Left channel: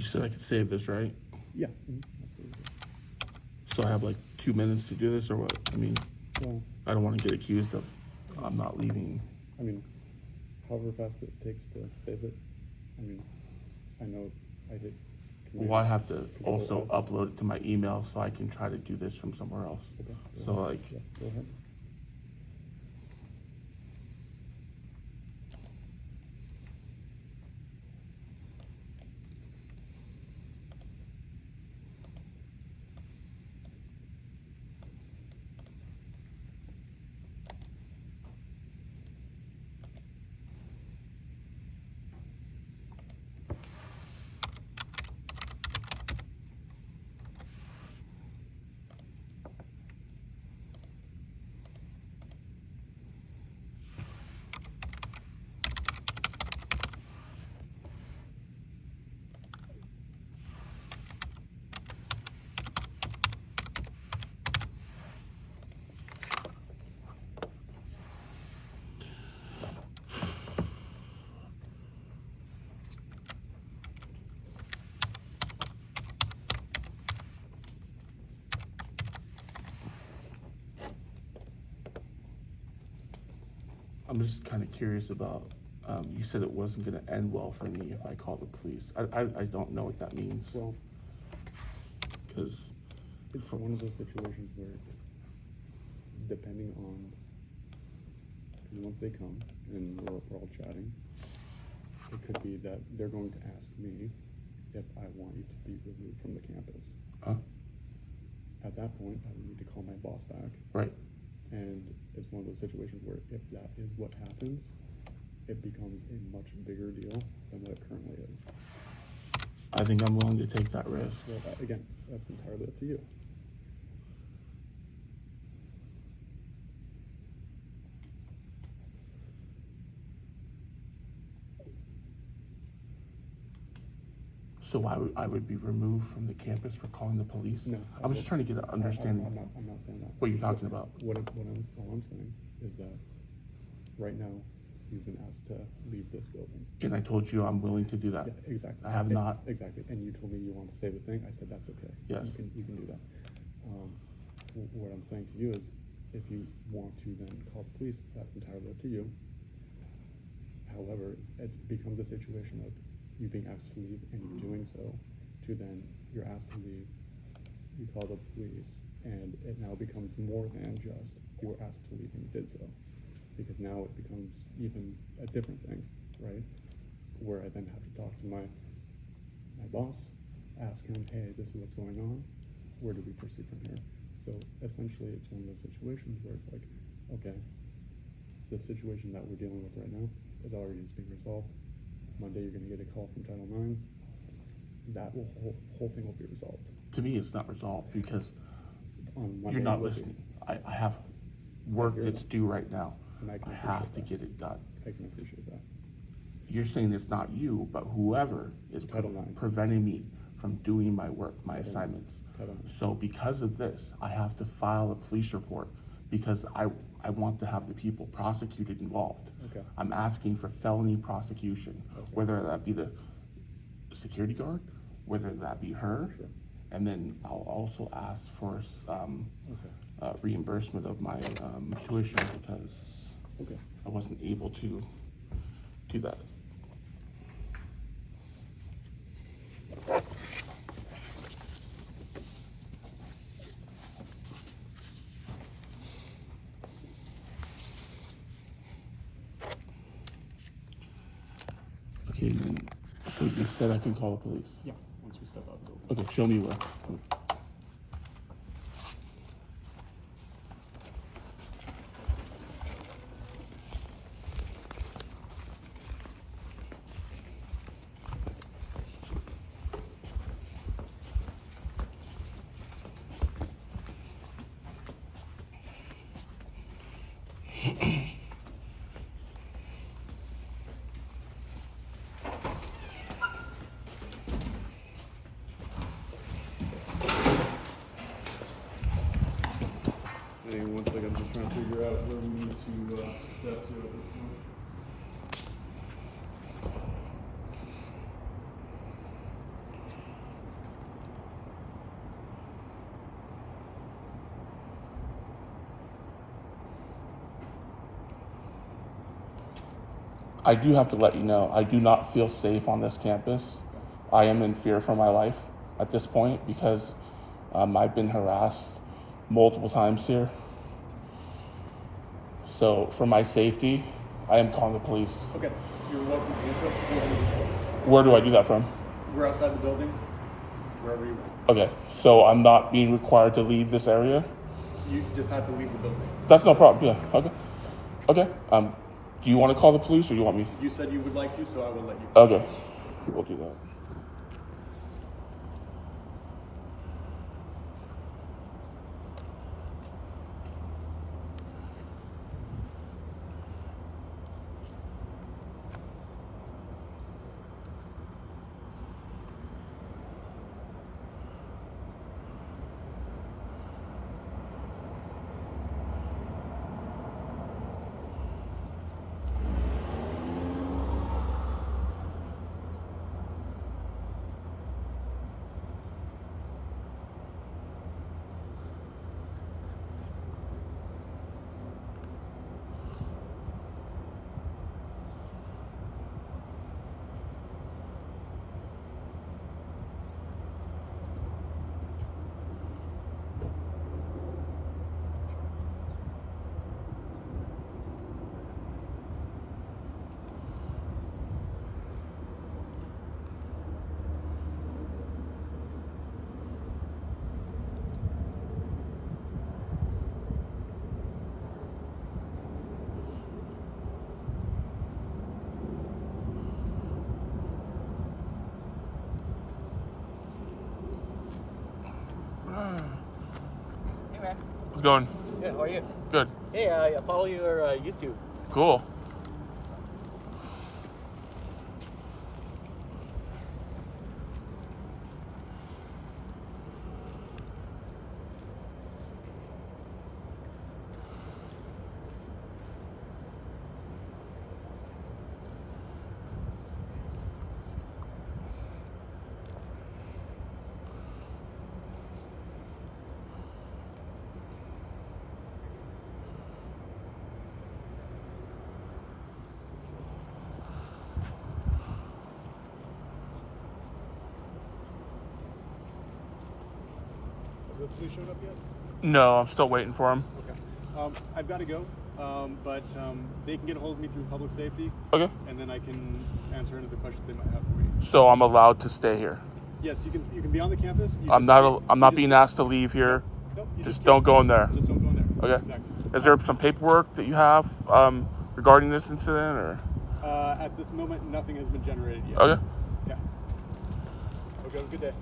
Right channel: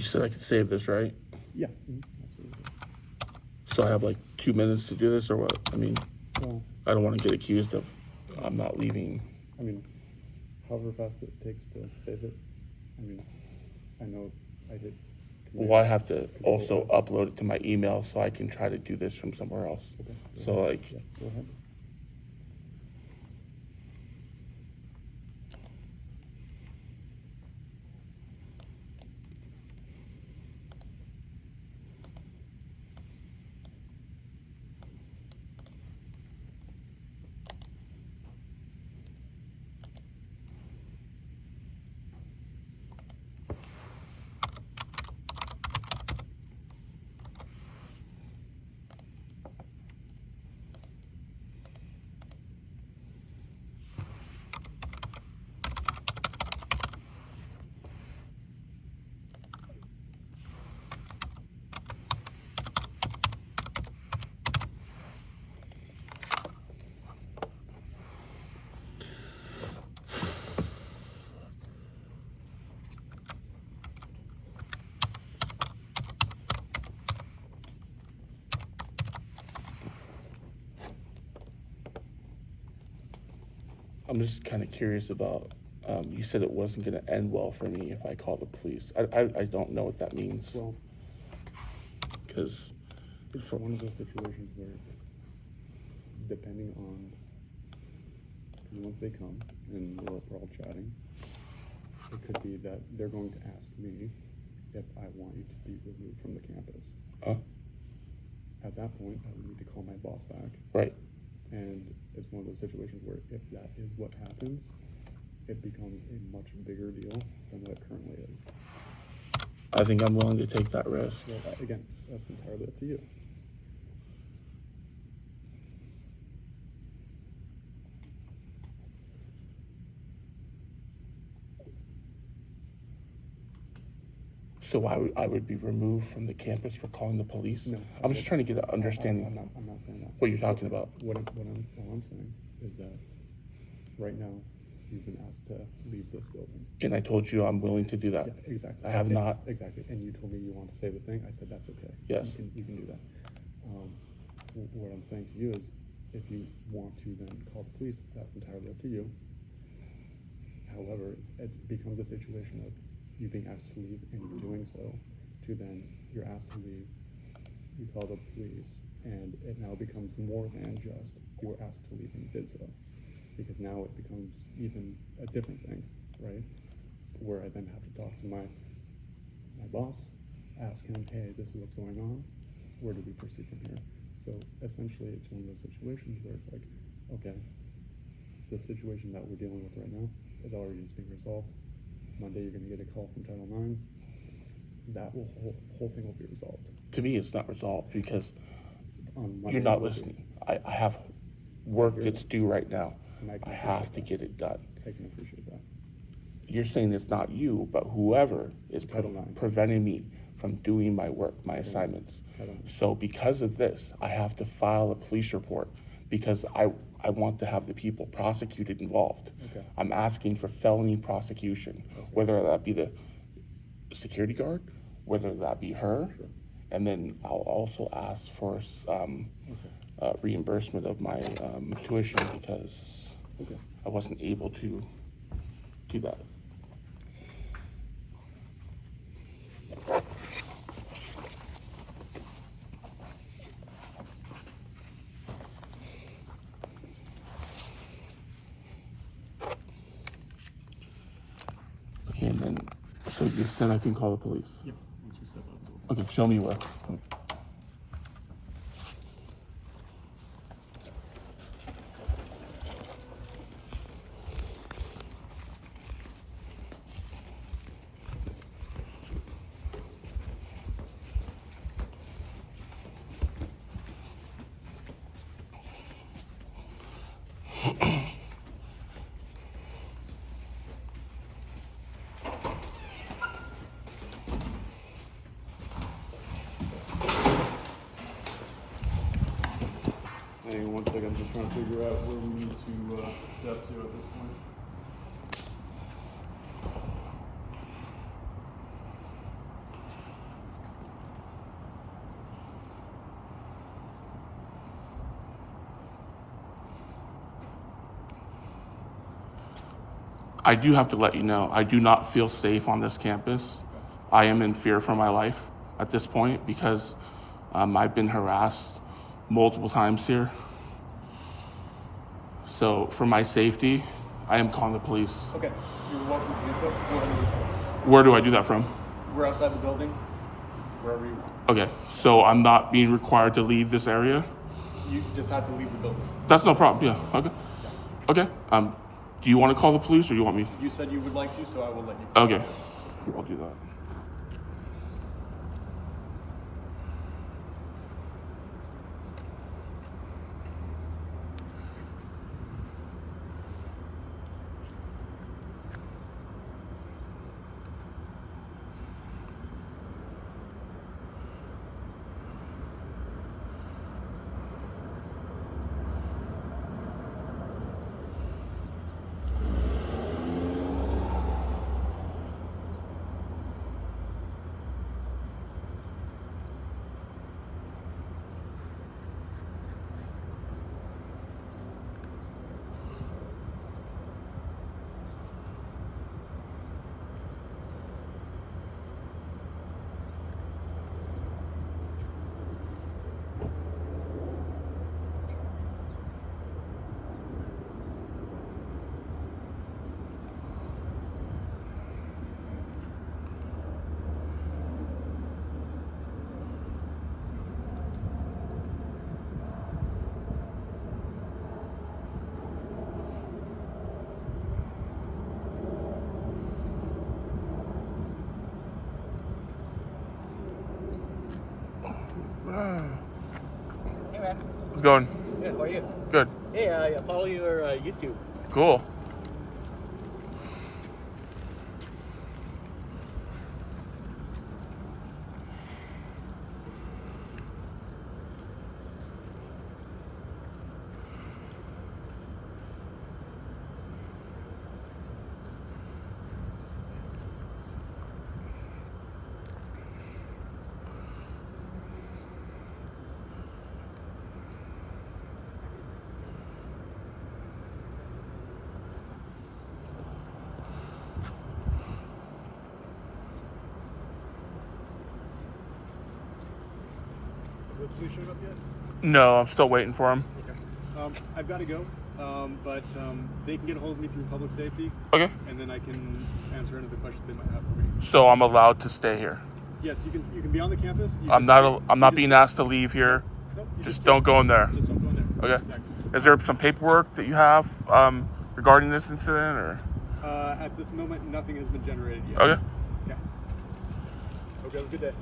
You said I could save this, right? Yeah. Absolutely. So I have like 2 minutes to do this, or what? I mean, Well, I don't want to get accused of I'm not leaving. I mean, however fast it takes to save it. I mean, I know I hit. Well, I have to Control also S. upload it to my email so I can try to do this from somewhere else. Okay. So like, Yeah, go ahead. I'm just kind of curious about, you said it wasn't going to end well for me if I call the police. I don't know what that means. Well, Because it's one of those situations where, depending on, because once they come and we're all chatting, it could be that they're going to ask me if I want you to be removed from the campus. At that point, I would need to call my boss back. Right. And it's one of those situations where if that is what happens, it becomes a much bigger deal than what it currently is. I think I'm willing to take that risk. Well, again, that's entirely up to you. So I would be removed from the campus for calling the police? No. I'm just trying to get an understanding. I'm not saying that. What you're talking about. All I'm saying is that right now you've been asked to leave this building. And I told you I'm willing to do that. Yeah, exactly. I have not. Exactly. And you told me you want to say the thing. I said that's okay. Yes. You can do that. What I'm saying to you is, if you want to then call the police, that's entirely up to you. However, it becomes a situation of you being asked to leave and you doing so, to then you're asked to leave, you call the police, and it now becomes more than just you were asked to leave and you did so. Because now it becomes even a different thing, right? Where I then have to talk to my boss, ask him, hey, this is what's going on, where do we proceed from here? So essentially it's one of those situations where it's like, okay, the situation that we're dealing with right now, it already is being resolved. Monday you're gonna get a call from Title IX. That whole thing will be resolved. To me, it's not resolved because On Monday, you're not listening. I have work that's due right now. And I I have to get it done. I can appreciate that. You're saying it's not you, but whoever is Title IX. preventing me from doing my work, my assignments. Title IX. So because of this, I have to file a police report because I want to have the people prosecuted involved. Okay. I'm asking for felony prosecution, whether that be the security guard, whether that be her, Sure. and then I'll also ask for reimbursement of my tuition because Okay. I wasn't able to do that. Okay, and then, so you said I can call the police? Yeah, once we step out of the building. Okay, show me where. Hang on 1 second, I'm just trying to figure out where we need to step to at this point. I do have to let you know, I do not feel safe on this campus. I am in fear for my life at this point because I've been harassed multiple times here. So for my safety, I am calling the police. Okay, you're welcome to do so. Go ahead and do so. Where do I do that from? We're outside the building, wherever you want. Okay, so I'm not being required to leave this area? You just have to leave the building. That's no problem, yeah, okay. Okay, do you want to call the police or do you want me? You said you would like to, so I will let you. Okay, we'll do that. Hey man. How's it going? Good, how are you? Good. Hey, I follow your YouTube. Cool. The police showed up yet? No, I'm still waiting for him. Okay. I've got to go, but they can get a hold of me through public safety, Okay. and then I can answer any of the questions they might have for me. So I'm allowed to stay here. Yes, you can be on the campus. I'm not being asked to leave here. Nope, you Just don't go in there. Just don't go in there. Okay. Exactly. Is there some paperwork that you have regarding this incident or? At this moment, nothing has been generated yet. Okay. Yeah. Okay. Have a good day.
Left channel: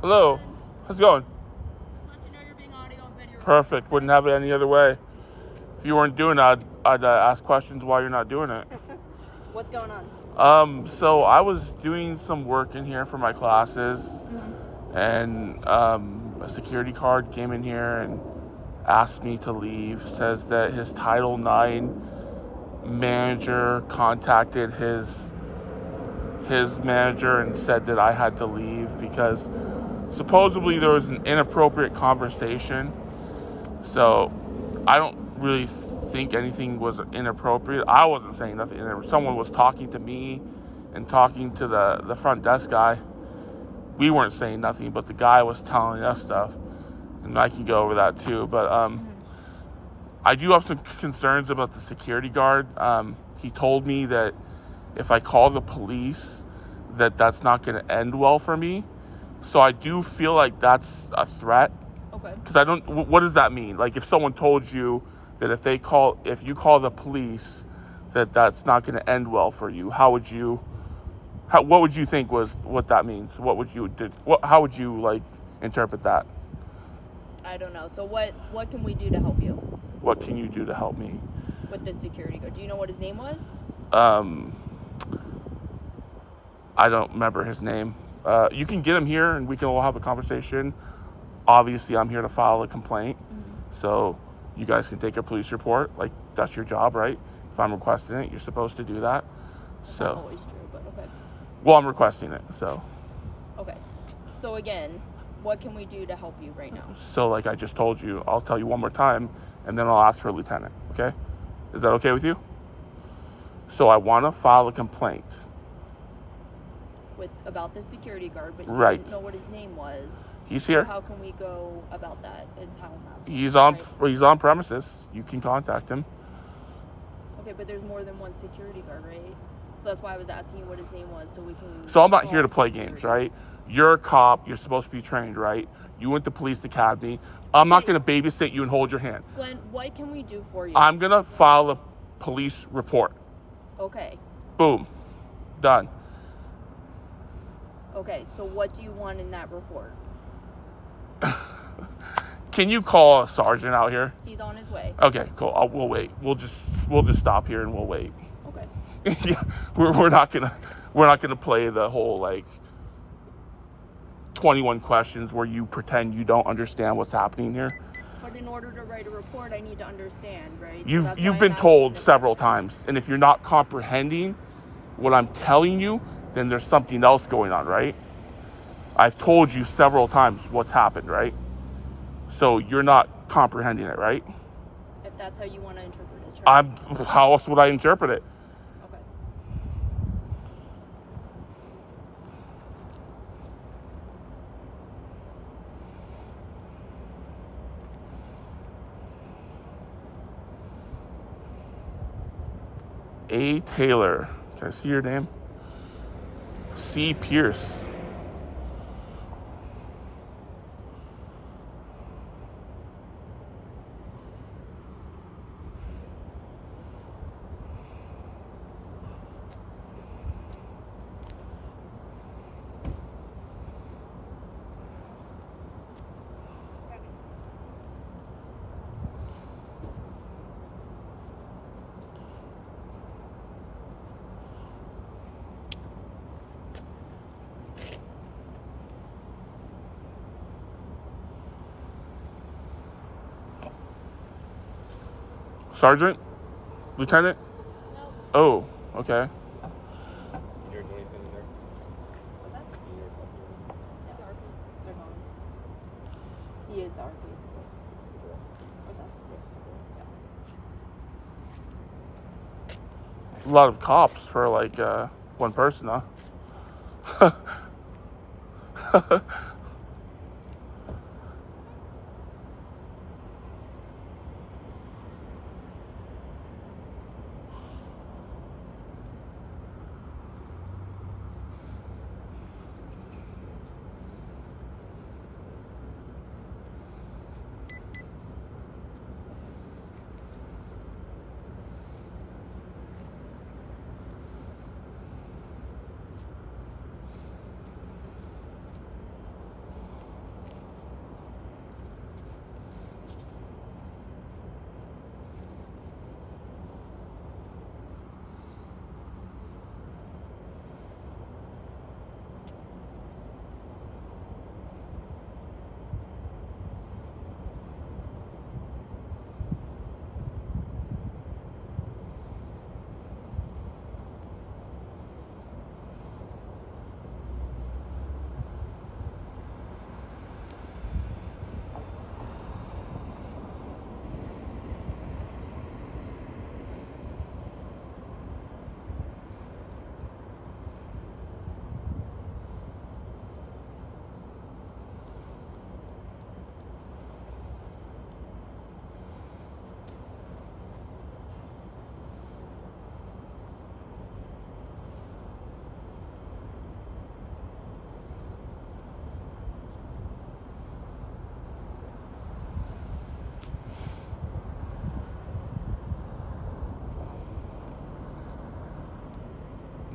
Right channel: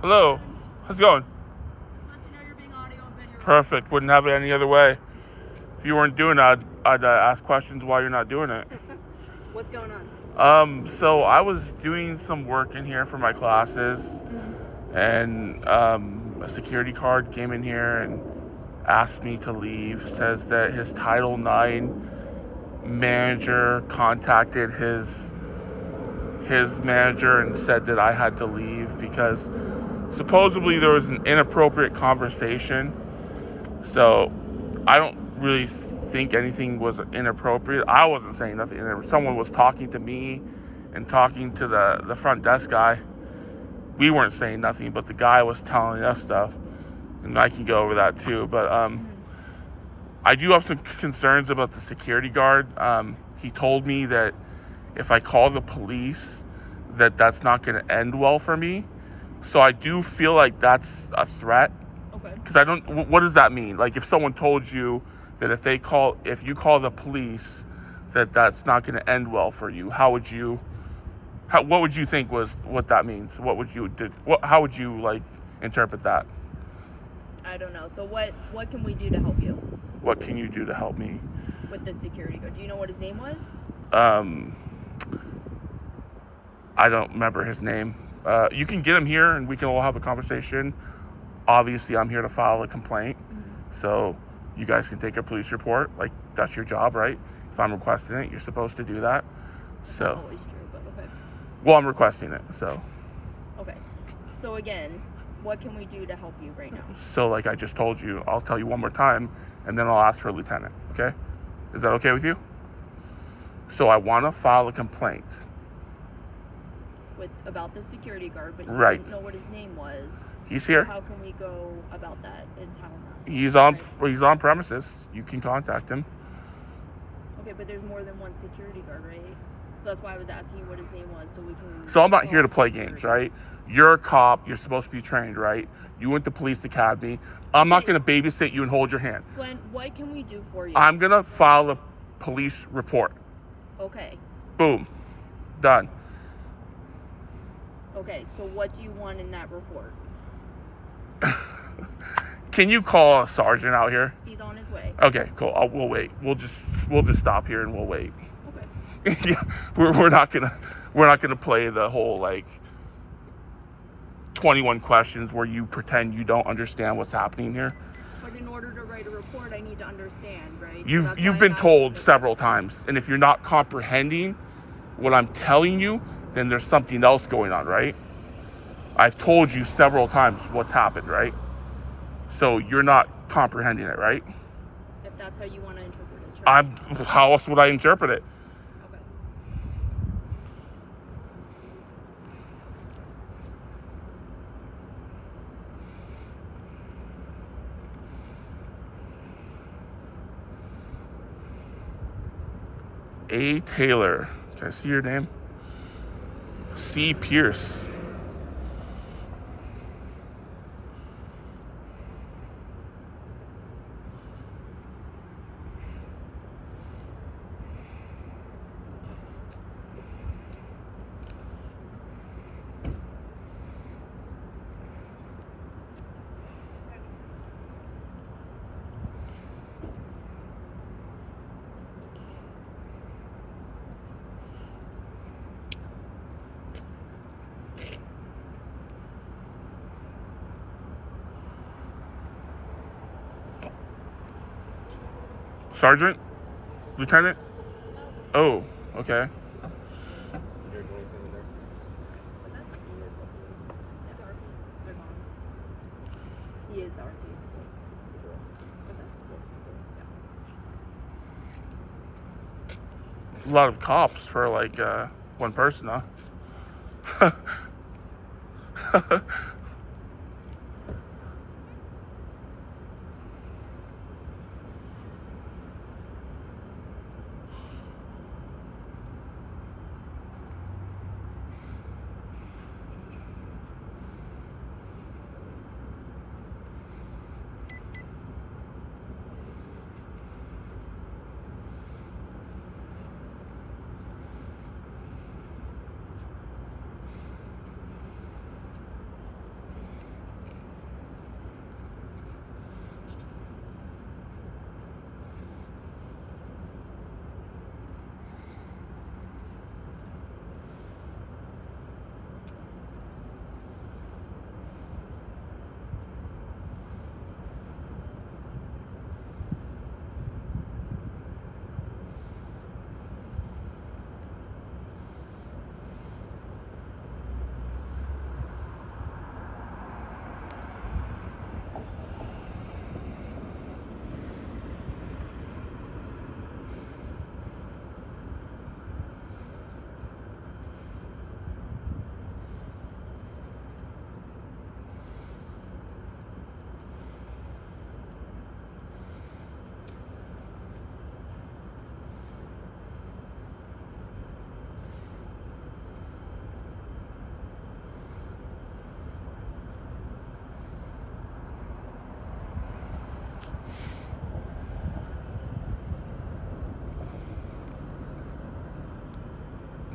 Hello. How's it going? Just let you know you're being audio and video. Perfect. Wouldn't have it any other way. If you weren't doing it, I'd ask questions why you're not doing it. What's going on? So I was doing some work in here for my classes, and a security guard came in here and asked me to leave. Says that his Title IX manager contacted his manager and said that I had to leave because supposedly there was an inappropriate conversation. So I don't really think anything was inappropriate. I wasn't saying nothing. Someone was talking to me and talking to the front desk guy. We weren't saying nothing, but the guy was telling us stuff, and I can go over that too. But I do have some concerns about the security guard. He told me that if I call the police, that's not going to end well for me. So I do feel like that's a threat. Okay. Because I don't. What does that mean? Like if someone told you that if you call the police, that's not going to end well for you, how would you What would you think was what that means? What would you did? How would you like interpret that? I don't know. So what can we do to help you What can you do to help me? with the security guard? Do you know what his name was? I don't remember his name. You can get him here and we can all have a conversation. Obviously, I'm here to file a complaint. So you guys can take a police report. Like, that's your job, right? If I'm requesting it, you're supposed to do that. Not So, always true, but okay. well, I'm requesting it. So, Okay. So again, what can we do to help you right now? like I just told you, I'll tell you one more time and then I'll ask for a lieutenant. Okay? Is that okay with you? So I want to file a complaint. About the security guard, but you Right. didn't know what his name was. He's here. How can we go about that? Is how I'm asking. He's on. Right? He's on premises. You can contact him. Okay, but there's more than one security guard, right? So that's why I was asking you what his name was, so we can. So I'm not here to call play security. games, right? You're a cop. You're supposed to be trained, right? You went to police academy. I'm not Okay. going to babysit you and hold your hand. Glenn, what can we do for you? I'm going to file a police report. Okay. Boom. Done. Okay. So what do you want in that report? Can you call a sergeant out here? He's on his way. Okay, cool. We'll wait. We'll just stop here and we'll wait. Okay. Yeah, we're not gonna play the whole like 21 questions where you pretend you don't understand what's happening here. But in order to write a report, I need to understand, right? So You've that's why you've I'm been asking told the several questions. times, and if you're not comprehending what I'm telling you, then there's something else going on, right? I've told you several times what's happened, right? So you're not comprehending it, right? If that's how you want to interpret it, sure. How else would I interpret it? Okay. A. Taylor. Can I see your name? C. Pierce. Sergeant? Lieutenant? Oh, okay. What's that? Yeah, the RP. They're gone. He is the RP. What's that? Yeah. A lot of cops for like one person, huh?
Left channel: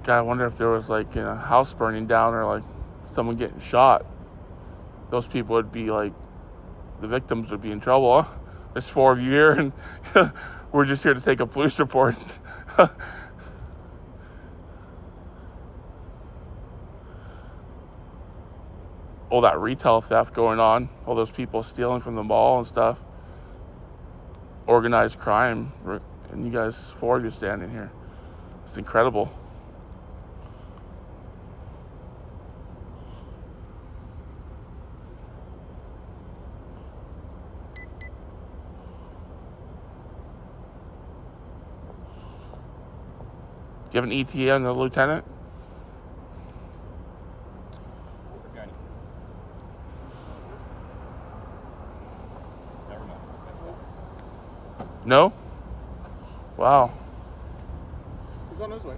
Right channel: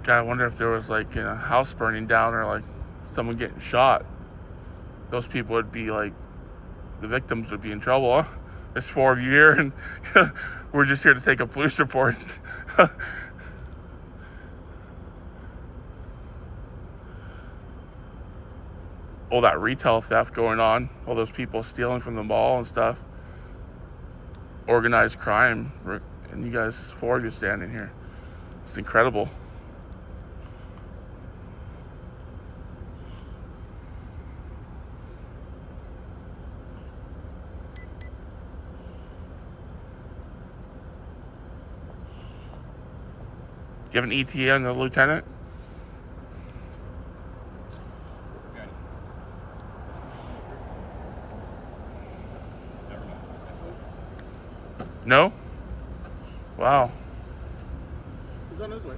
God, I wonder if there was like a house burning down or like someone getting shot. Those people would be like, the victims would be in trouble. Huh? There's 4 of you here, and we're just here to take a police report. All that retail theft going on, all those people stealing from the mall and stuff, organized crime, and you guys, 4 of you standing here. It's incredible. Do you have an ETA on the lieutenant? Got it. Never mind. No? Wow. He's on his way.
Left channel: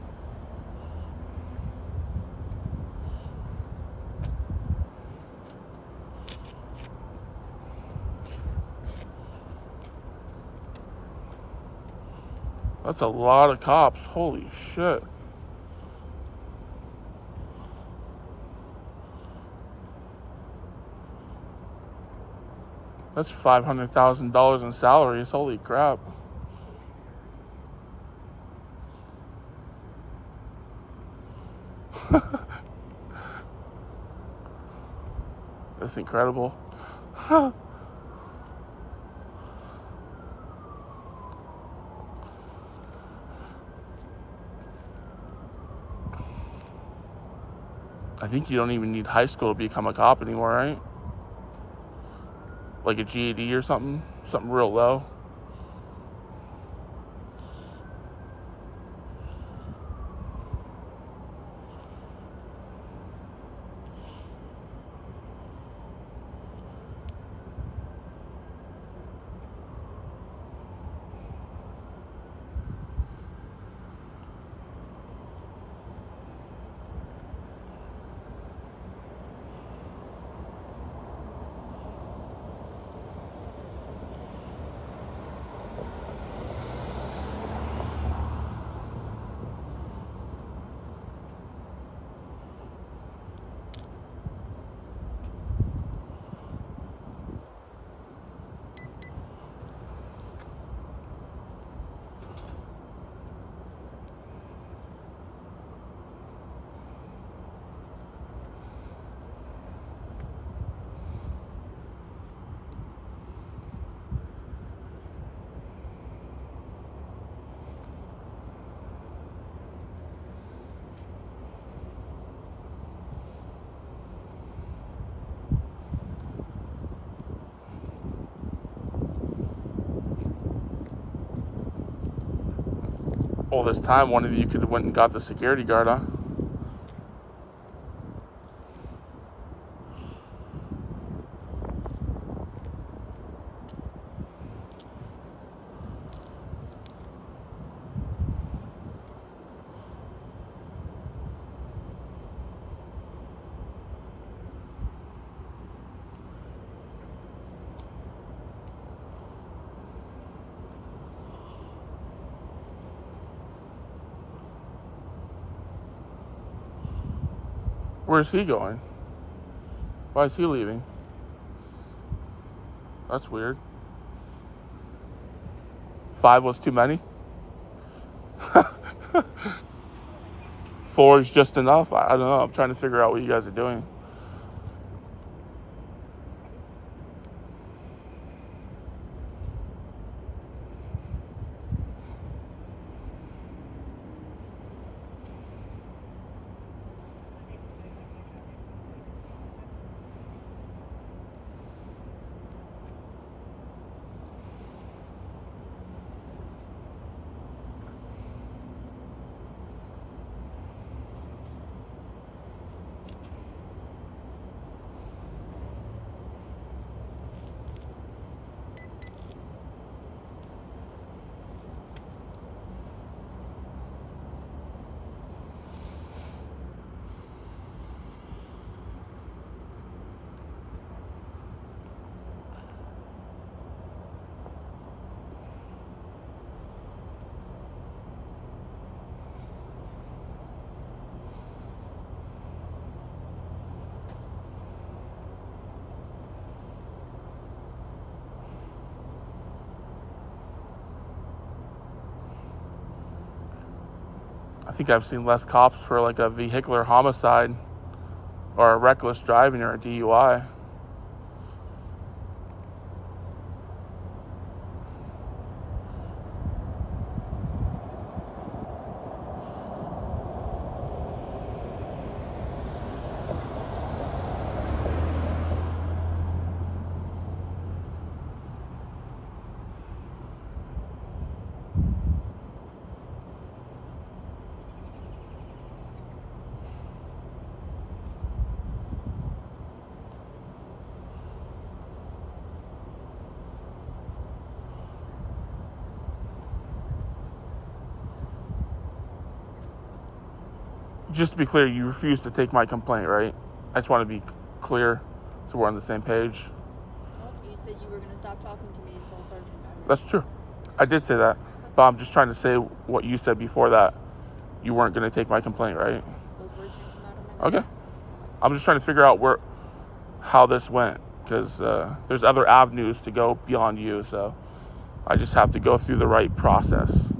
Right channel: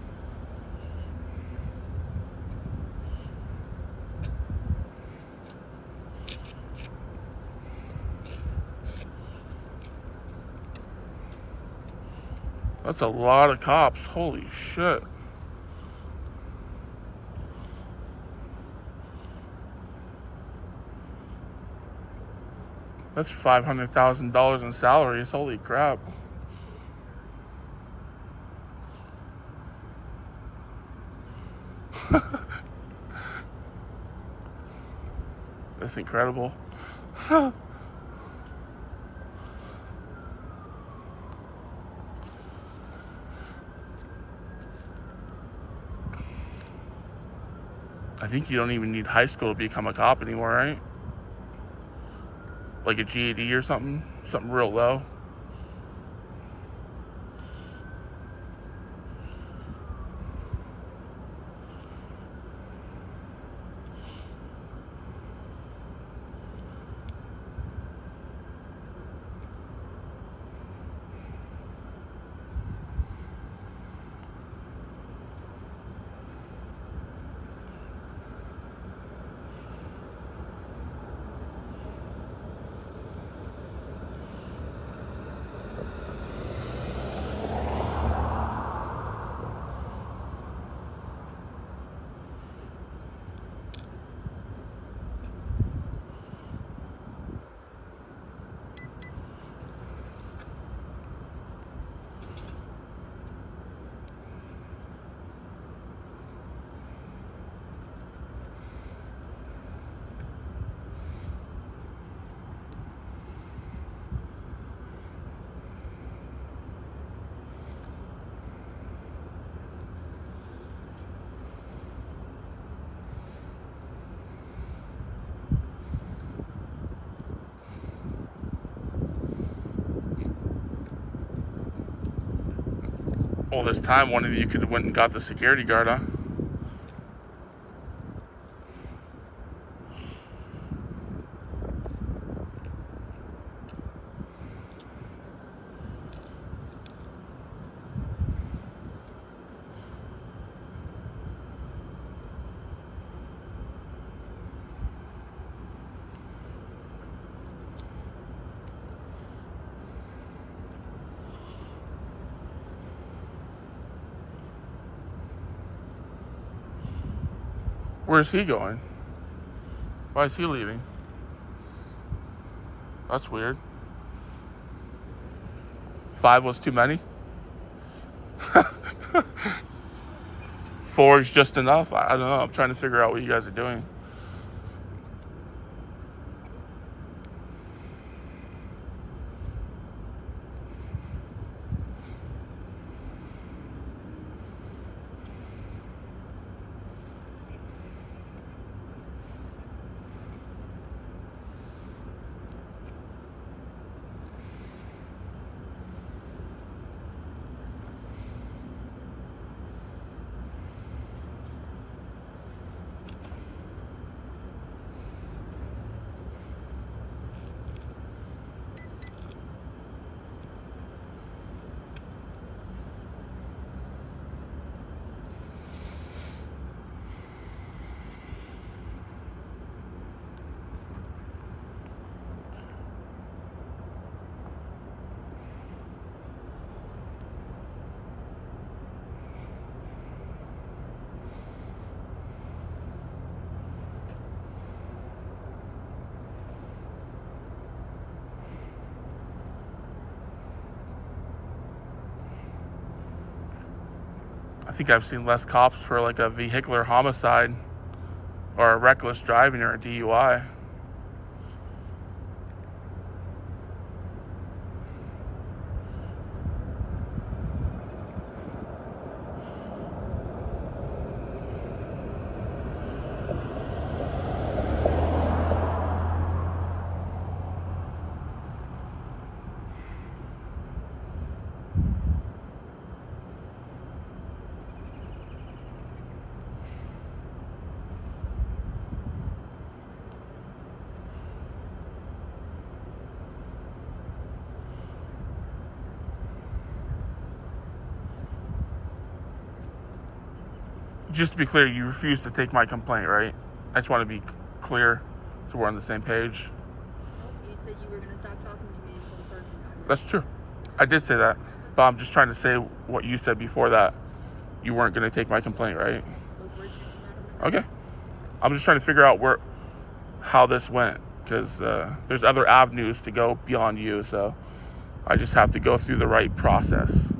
That's a lot of cops. Holy shit. That's $500,000 in salaries. Holy crap. That's incredible. I think you don't even need high school to become a cop anymore, right? Like a GED or something? Something real low. All this time, one of you could have went and got the security guard, huh? Where's he going? Why is he leaving? That's weird. 5 was too many? 4 is just enough? I don't know. I'm trying to figure out what you guys are doing. think I've seen less cops for like a vehicular homicide or a reckless driving or a DUI. Just to be clear, you refuse to take my complaint, right? I just want to be clear so we're on the same page. Nope, you said you were gonna stop talking to me until Sergeant got here. That's true. I did say that. But I'm just trying to say what you said before that. You weren't going to take my complaint, right? Those words didn't come out of my mouth. Okay. I'm just trying to figure out how this went. Because there's other avenues to go beyond you. So I just have to go through the right process.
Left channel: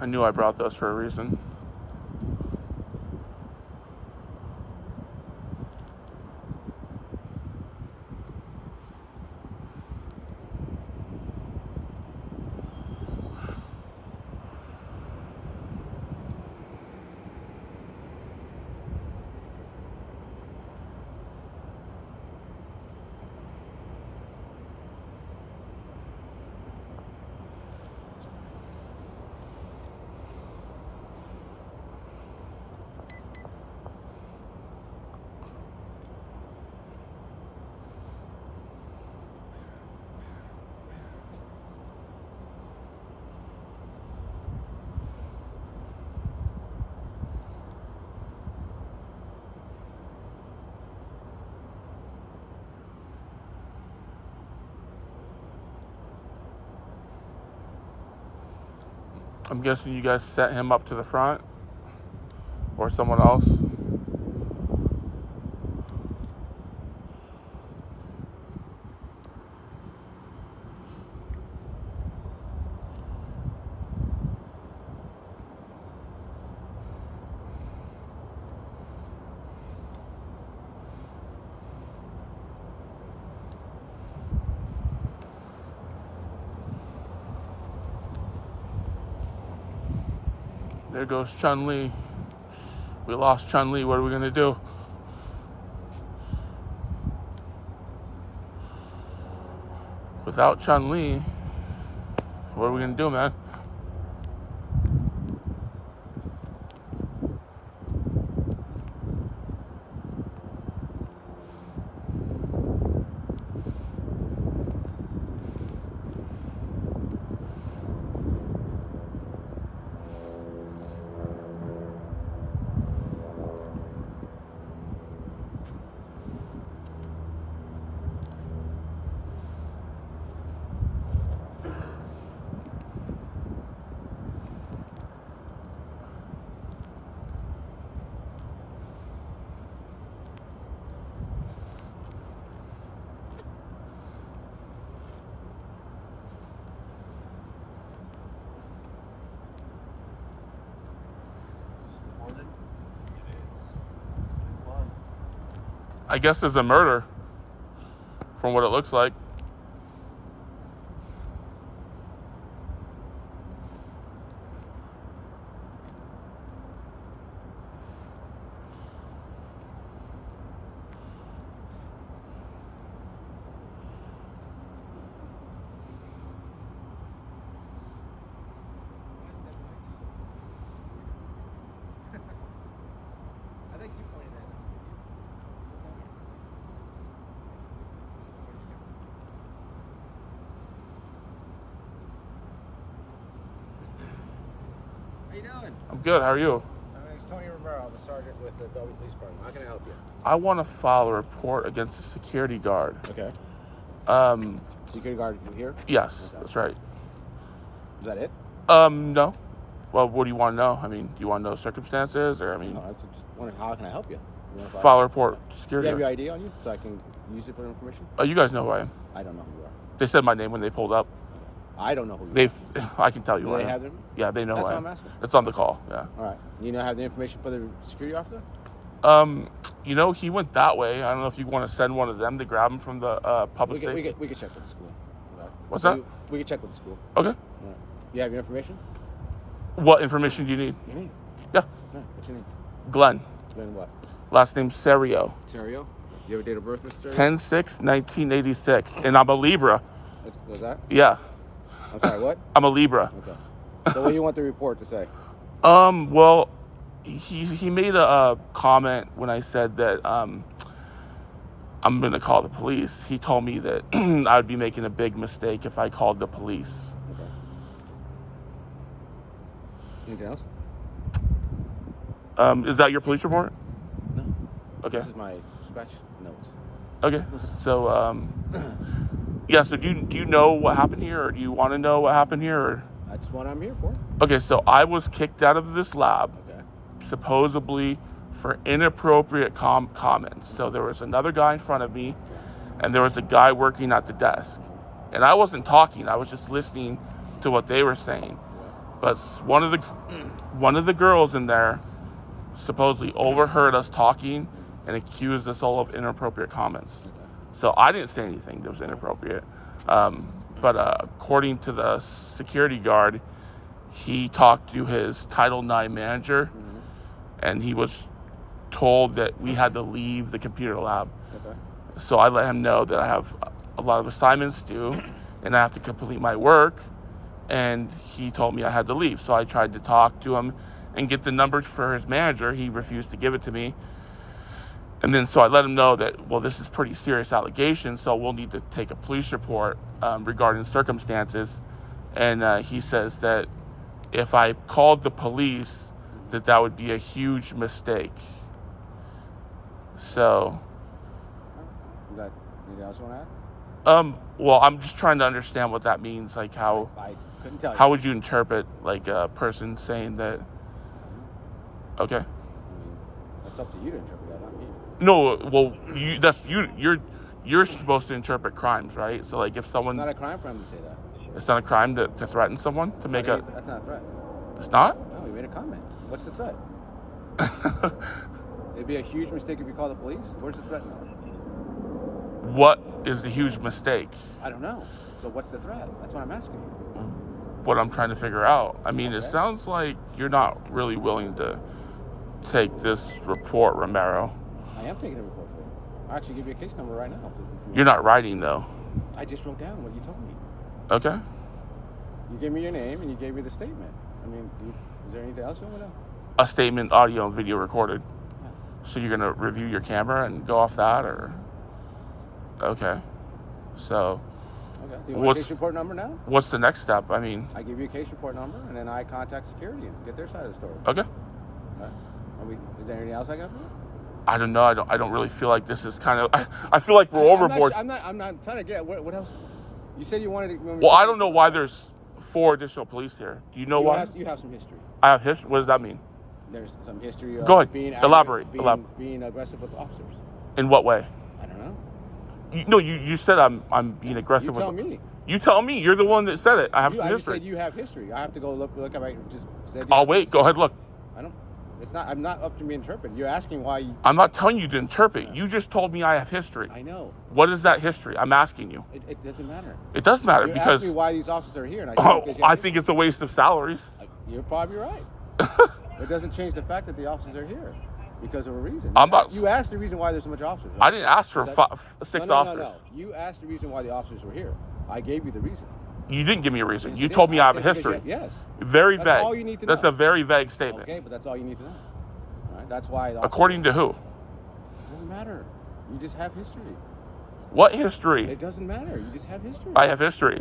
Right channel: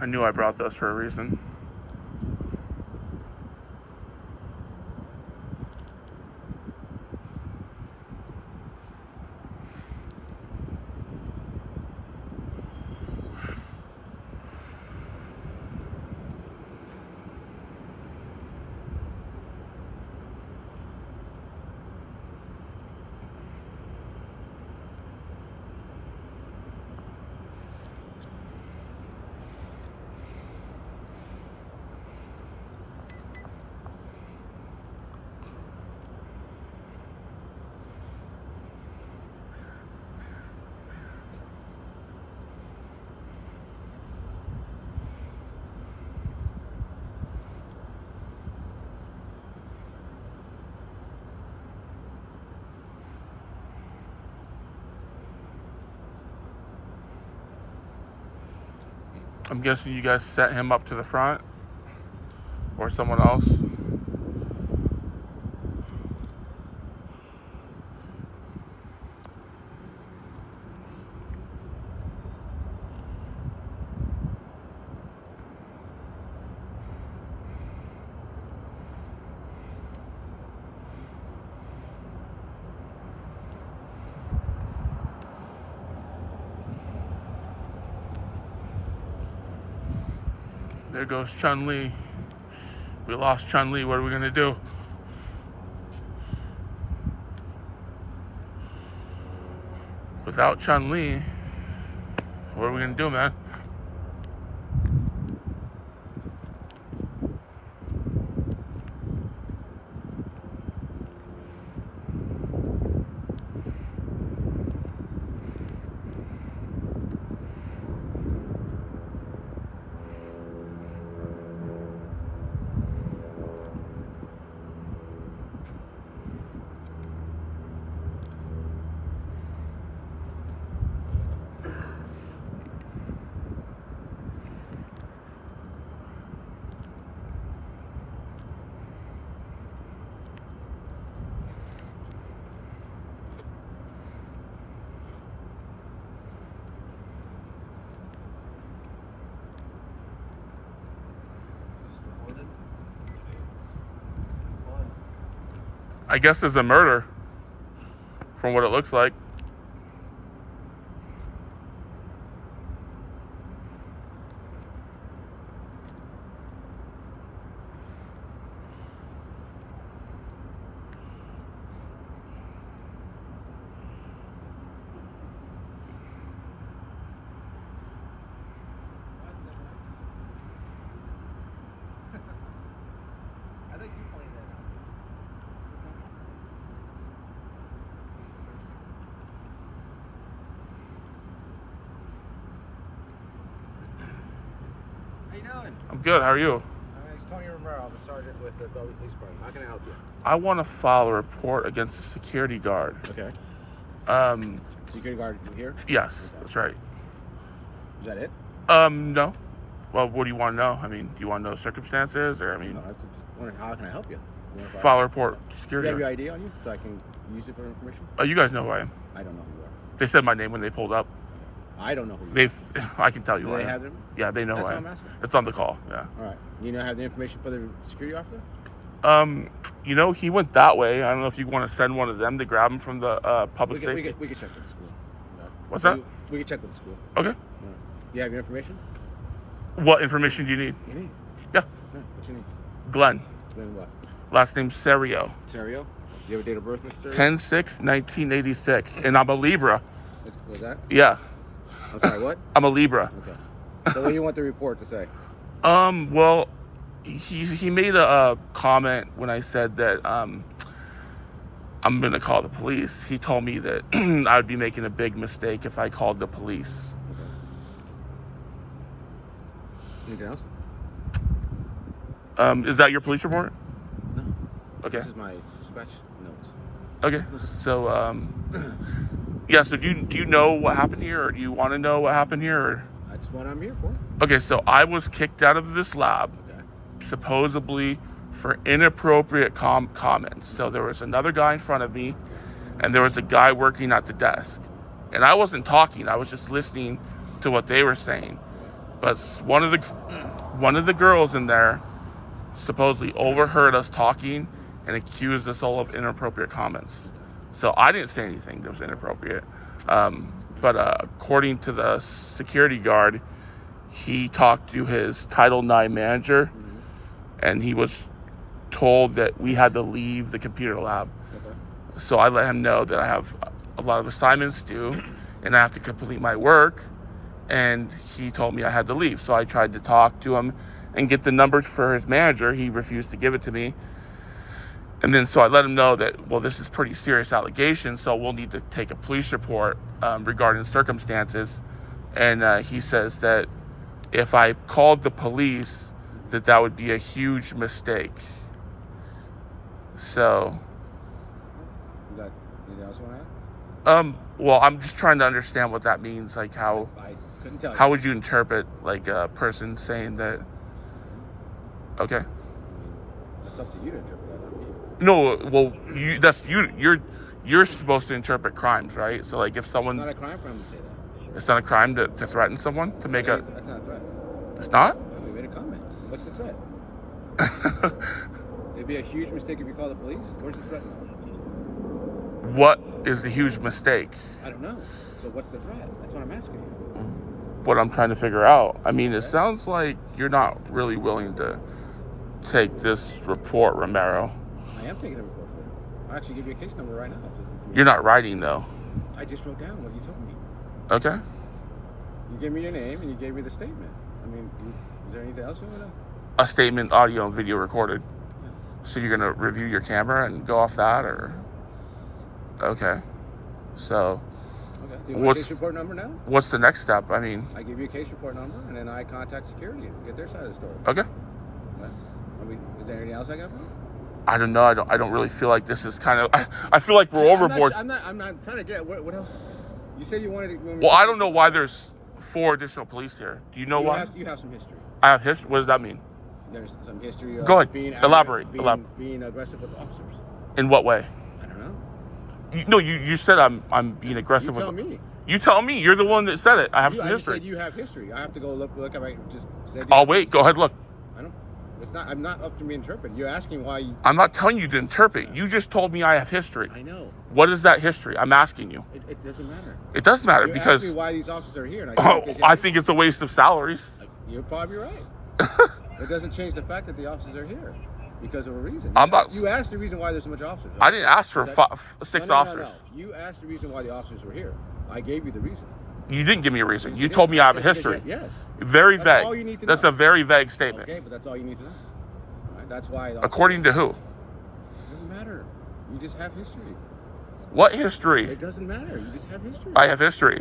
I knew I brought those for a reason. I'm guessing you guys set him up to the front or someone else. There goes Chun-Li. We lost Chun-Li. What are we gonna do? Without Chun-Li, what are we gonna do, man? I guess there's a murder, from what it looks like. I think you pointed that out. How you doing? I'm good. How are you? It's Tony Romero. I'm a sergeant with the Bellevue Police Department. How can I help you? I want to file a report against a security guard. Okay. Um, Security guard here? yes, Okay. that's right. Is that it? No. Well, what do you want to know? I mean, do you want to know circumstances, or I mean, No, I was just wondering how can I help you? You wanna file a report Do you security have your guard. ID on you so I can use it for information? You guys know who I am. I don't know who you are. They said my name when they pulled up. I don't know who you They, are. I can tell you Do who I they am. have them? Yeah, they know That's who I what am. I'm asking. It's on the call. Yeah. All right. You know, have the information for the security officer? You know, he went that way. I don't know if you want to send one of them to grab him from the public We safety. can check with the school. All right. What's that? We can check with the school. Okay. All right. You have your information? What information do you need? Your name? Yeah. All right. What's your name? Glenn. Glenn what? Last name Serio. Terrio? You have a date of birth, Mr. 10/6/1986, and I'm a Libra. Was that? Yeah, I'm sorry, what? I'm a Libra. Okay. So what do you want the report to say? Well, he made a comment when I said that I'm gonna call the police. He told me that I would be making a big mistake if I called the police. Okay. Anything else? Is that your police report? No. Okay. This is my scratch notes. Okay. So yeah. So do you know what happened here, or do you want to know what happened here? Or? That's what I'm here for. Okay. So I was kicked out of this lab, Okay. supposedly for inappropriate comments. So there was another guy in front of me, and there was a guy working at the desk, and I wasn't talking. I was just listening to what they were saying. But one of the girls in there supposedly overheard us talking and accused us all of inappropriate comments. So I didn't say anything that was inappropriate. But according to the security guard, he talked to his Title IX manager, and he was told that we had to leave the computer lab. Okay. So I let him know that I have a lot of assignments due and I have to complete my work, and he told me I had to leave. So I tried to talk to him and get the numbers for his manager. He refused to give it to me. And then so I let him know that, well, this is pretty serious allegation, so we'll need to take a police report regarding circumstances. And he says that if I called the police, that would be a huge mistake. So, Is that anything else you want to add? well, I'm just trying to understand what that means. Like how I couldn't tell you. would you interpret like a person saying that? Okay. It's up to you to interpret that, not me. No, well, you're supposed to interpret crimes, right? So like if It's someone, not a crime for him to say that. it's not a crime to threaten someone to make a. That's not a threat. It's not. No, we made a comment. What's the threat? It'd be a huge mistake if you call the police. Where's the threat now? What is the huge mistake? I don't know. So what's the threat? That's what I'm asking you. What I'm trying to figure out. I mean, it sounds like you're not really willing to take this report, Romero. I am taking a report for you. I'll actually give you a case number right now. if you- You're not writing though. I just wrote down what you told me. Okay. You gave me your name and you gave me the statement. I mean, is there anything else you want to know? A statement, audio and video recorded. So you're gonna review your camera and go off that, or? Okay. So Okay. Do you want a What's- case report number now? what's the next step? I mean, I give you a case report number and then I contact security and get their side of the story. okay. Right? Is there anything else I can do? I don't know. I don't really feel like this is kind of. I feel like we're overboard. I'm not trying to get what else. You said you wanted to. Well, I don't know why there's 4 additional police here. Do you know why? You have some history. I have history. What does that mean? There's some history of Go ahead. being Elaborate. being aggressive with officers. In what way? I don't know. You said I'm being aggressive You tell with. me. You tell me. You're the one that said it. I have some I just history. said you have history. I have to go look at my just said. I'll wait. Go ahead. Look. I don't. It's not. I'm not up to me interpret. You're asking why. I'm not telling you to interpret. You just told me I have history. I know. What is that history? I'm asking you. It doesn't matter. It does matter You because asked me why these officers are here, and I think it's a waste of salaries. you're probably right. It doesn't change the fact that the officers are here because of a reason. I'm not- You asked the reason why there's so much officers. I didn't ask for Is that- 6 No. officers. You asked the reason why the officers were here. I gave you the reason. You didn't give me a reason. Yes, You did. told me I have a said because history. Yes. Very That's vague. all you need to That's know. a very vague statement. Okay, but that's all you need to know. All right? That's why. According to who? It doesn't matter. You just have history. What history? It doesn't matter. You just have history. I have history.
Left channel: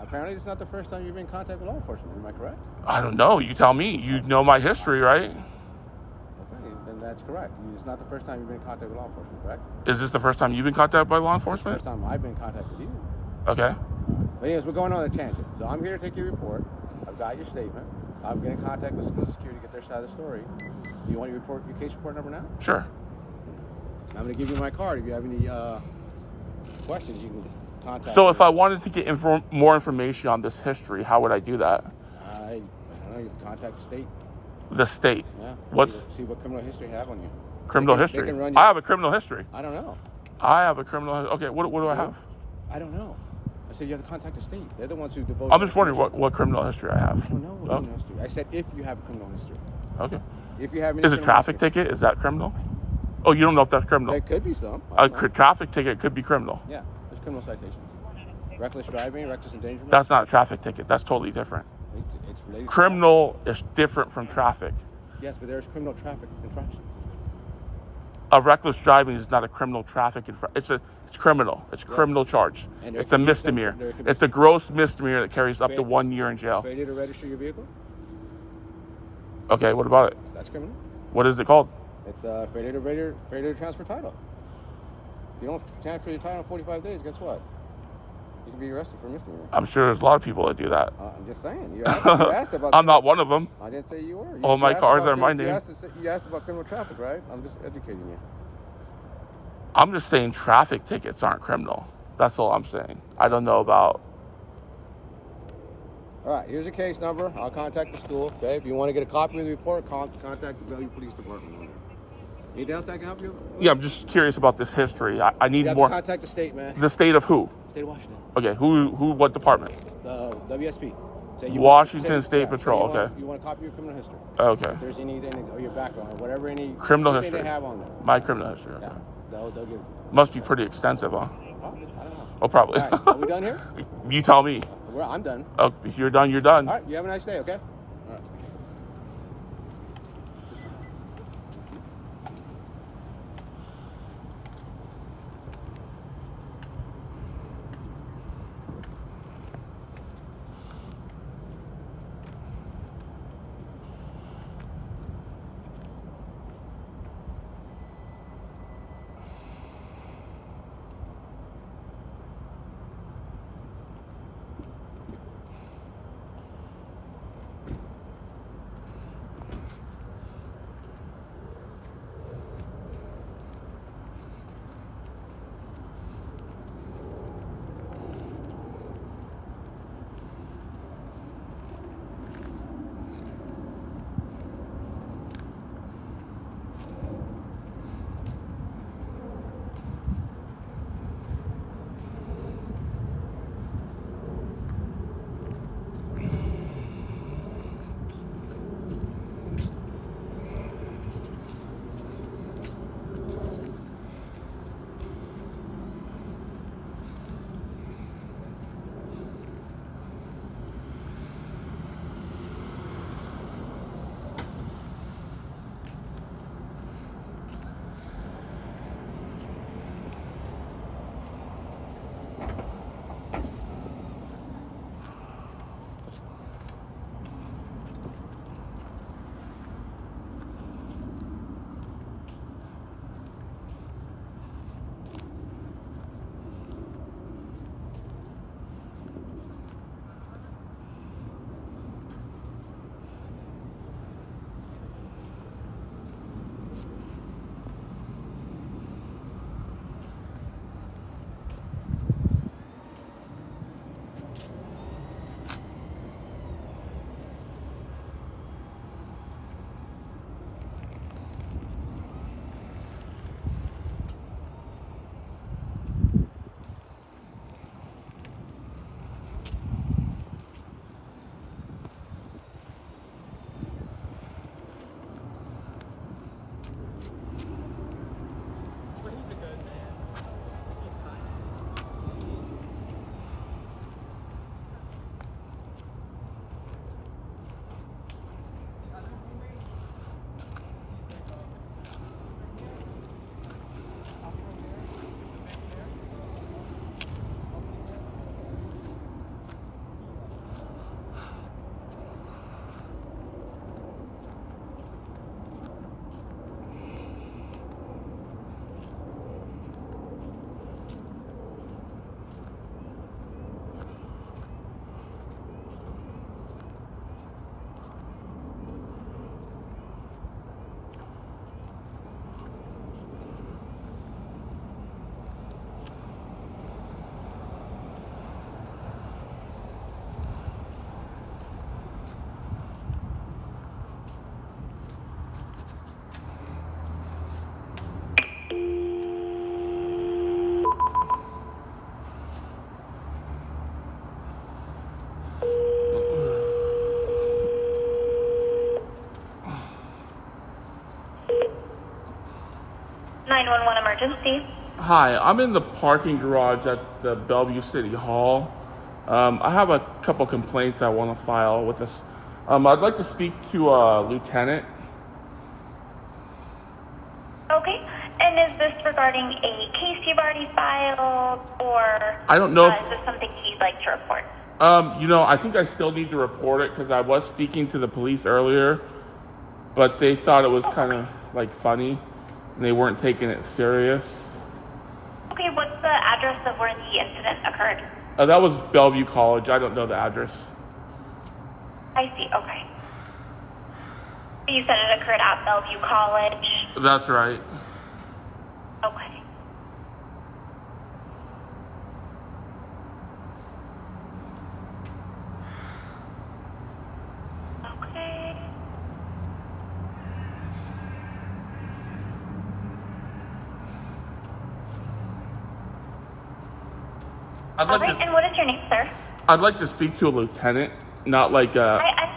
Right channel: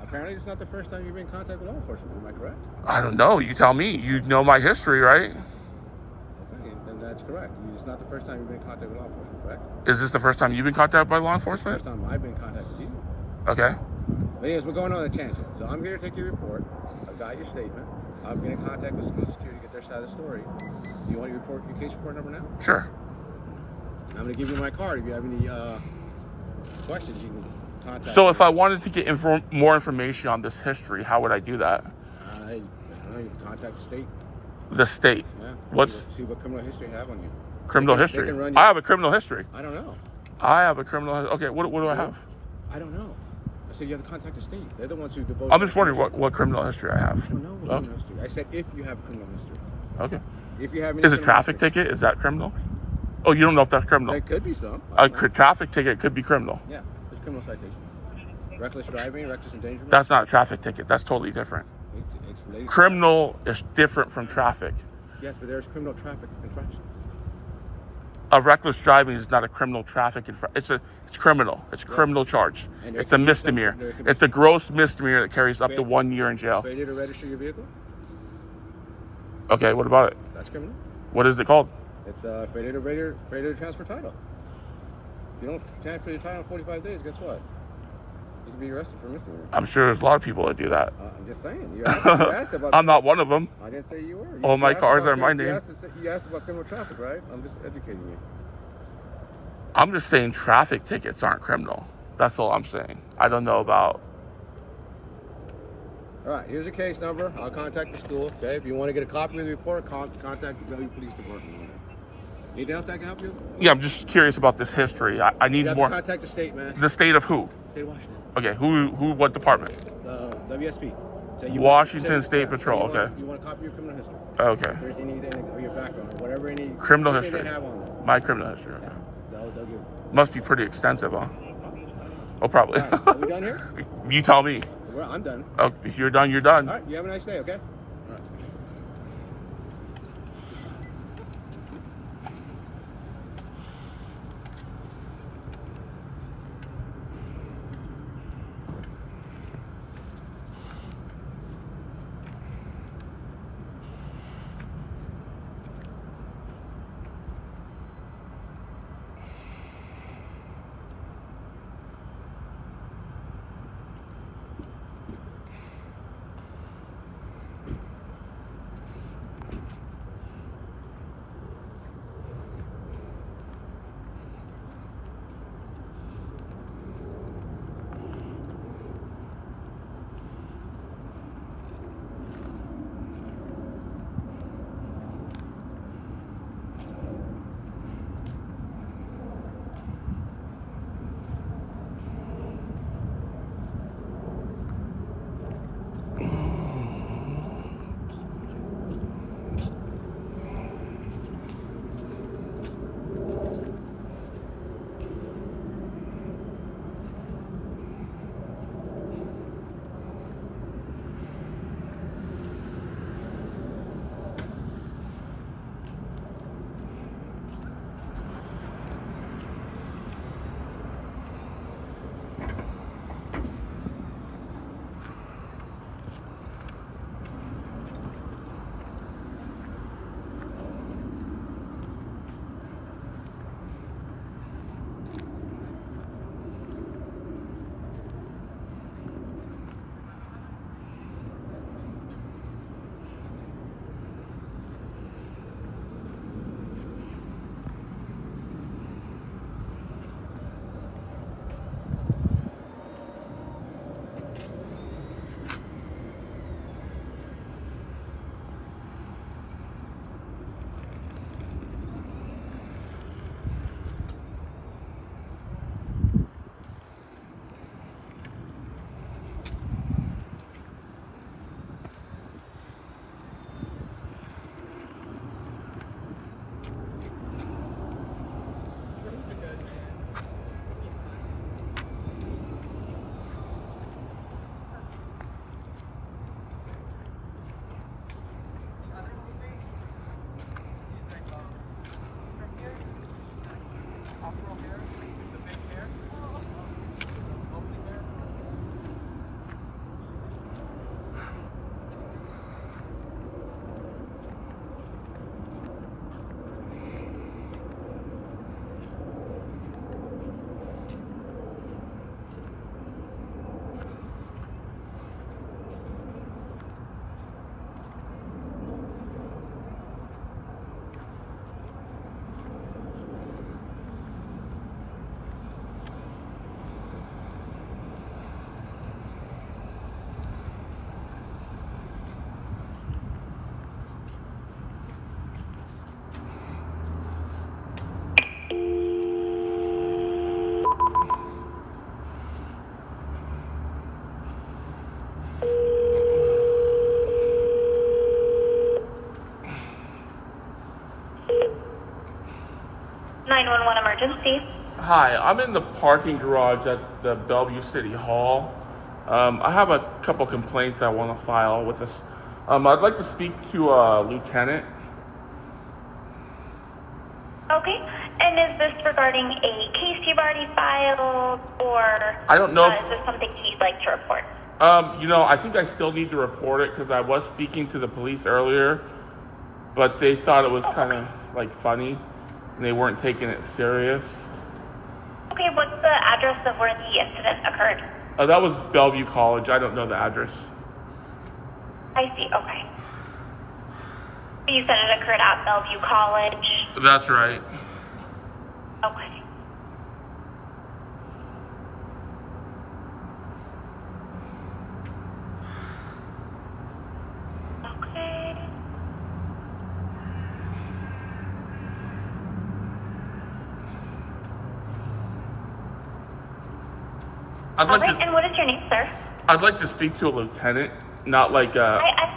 Apparently, it's not the first time you've been in contact with law enforcement. Am I correct? I don't know. You tell me. You know my history, right? Okay, then that's correct. It's not the first time you've been in contact with law enforcement, correct? Is this the first time you've been contacted by law First enforcement? time I've been in contact with you. Okay. But anyways, we're going on a tangent. So I'm here to take your report. I've got your statement. I'm getting in contact with school security to get their side of the story. Do you want your case report number now? Sure. I'm going to give you my card. If you have any questions, you can contact So me. if I wanted to get more information on this history, how would I do that? I don't know, you can contact the state. The state. Yeah. What's See what criminal history you have on you. criminal They history? can run you- I have a criminal history. I don't know. I have a criminal. Okay. What do I have? I don't know. I said you have to contact the state. They're the ones who devote. I'm just wondering what criminal history I have. I don't know what Okay. criminal history. I said if you have criminal history. Okay. If you have any Is a criminal traffic history. ticket? Is that criminal? Oh, you don't know if that's criminal. There could be some. I A don't know. traffic ticket could be criminal. Yeah, there's criminal citations. Reckless driving, reckless endangerment. That's not a traffic ticket. That's totally different. It's related. Criminal is different from traffic. Yes, but there's criminal traffic infraction. A reckless driving is not a criminal traffic it's criminal. It's a criminal charge. And there It's a could be some- misdemeanor. there could be It's a gross misdemeanor that carries up to Failure- 1 year in jail. Failure to register your vehicle. Okay, what about it? That's criminal. What is it called? It's failure to transfer title. If you don't transfer your title in 45 days, guess what? You can be arrested for misdemeanor. I'm sure there's a lot of people that do that. I'm just saying. You asked about. I'm not one of them. I didn't say you were. All my asked cars about are my crim- name. You asked about criminal traffic, right? I'm just educating you. I'm just saying traffic tickets aren't criminal. That's all I'm saying. I don't know about. All right, here's your case number. I'll contact the school. Okay, if you want to get a copy of the report, contact the Bellevue Police Department. Anything else I can help you with? Yeah, I'm just curious about this history. I You need have more. to contact the state, man. The state of who? State of Washington. Okay, who, what department? WSP. Say Washington say- State yeah, Patrol, say you want- okay. You want a copy of your criminal history? Okay, If there's anything or your background or whatever, any criminal anything history. they have on there. My criminal history. Okay. They'll give it. Must be pretty extensive, huh? Oh, I don't know. Oh, probably. All right, are we done here? You tell me. I'm done. Oh, if you're done, you're done. All right, you have a nice day, okay? All right. 911 emergency. Hi, I'm in the parking garage at the Bellevue City Hall. I have a couple complaints I want to file with us. I'd like to speak to a lieutenant. Okay. And is this regarding a case you've already filed, or I don't know if- is this something you'd like to report? I think I still need to report it because I was speaking to the police earlier, but they thought it was kind of like funny and they weren't taking it serious. Okay, what's the address of where the incident occurred? That was Bellevue College. I don't know the address. I see, okay. You said it occurred at Bellevue College. That's right. Okay. Okay. I'd All like right, to. and what is your name, sir? I'd like to speak to a lieutenant, not like I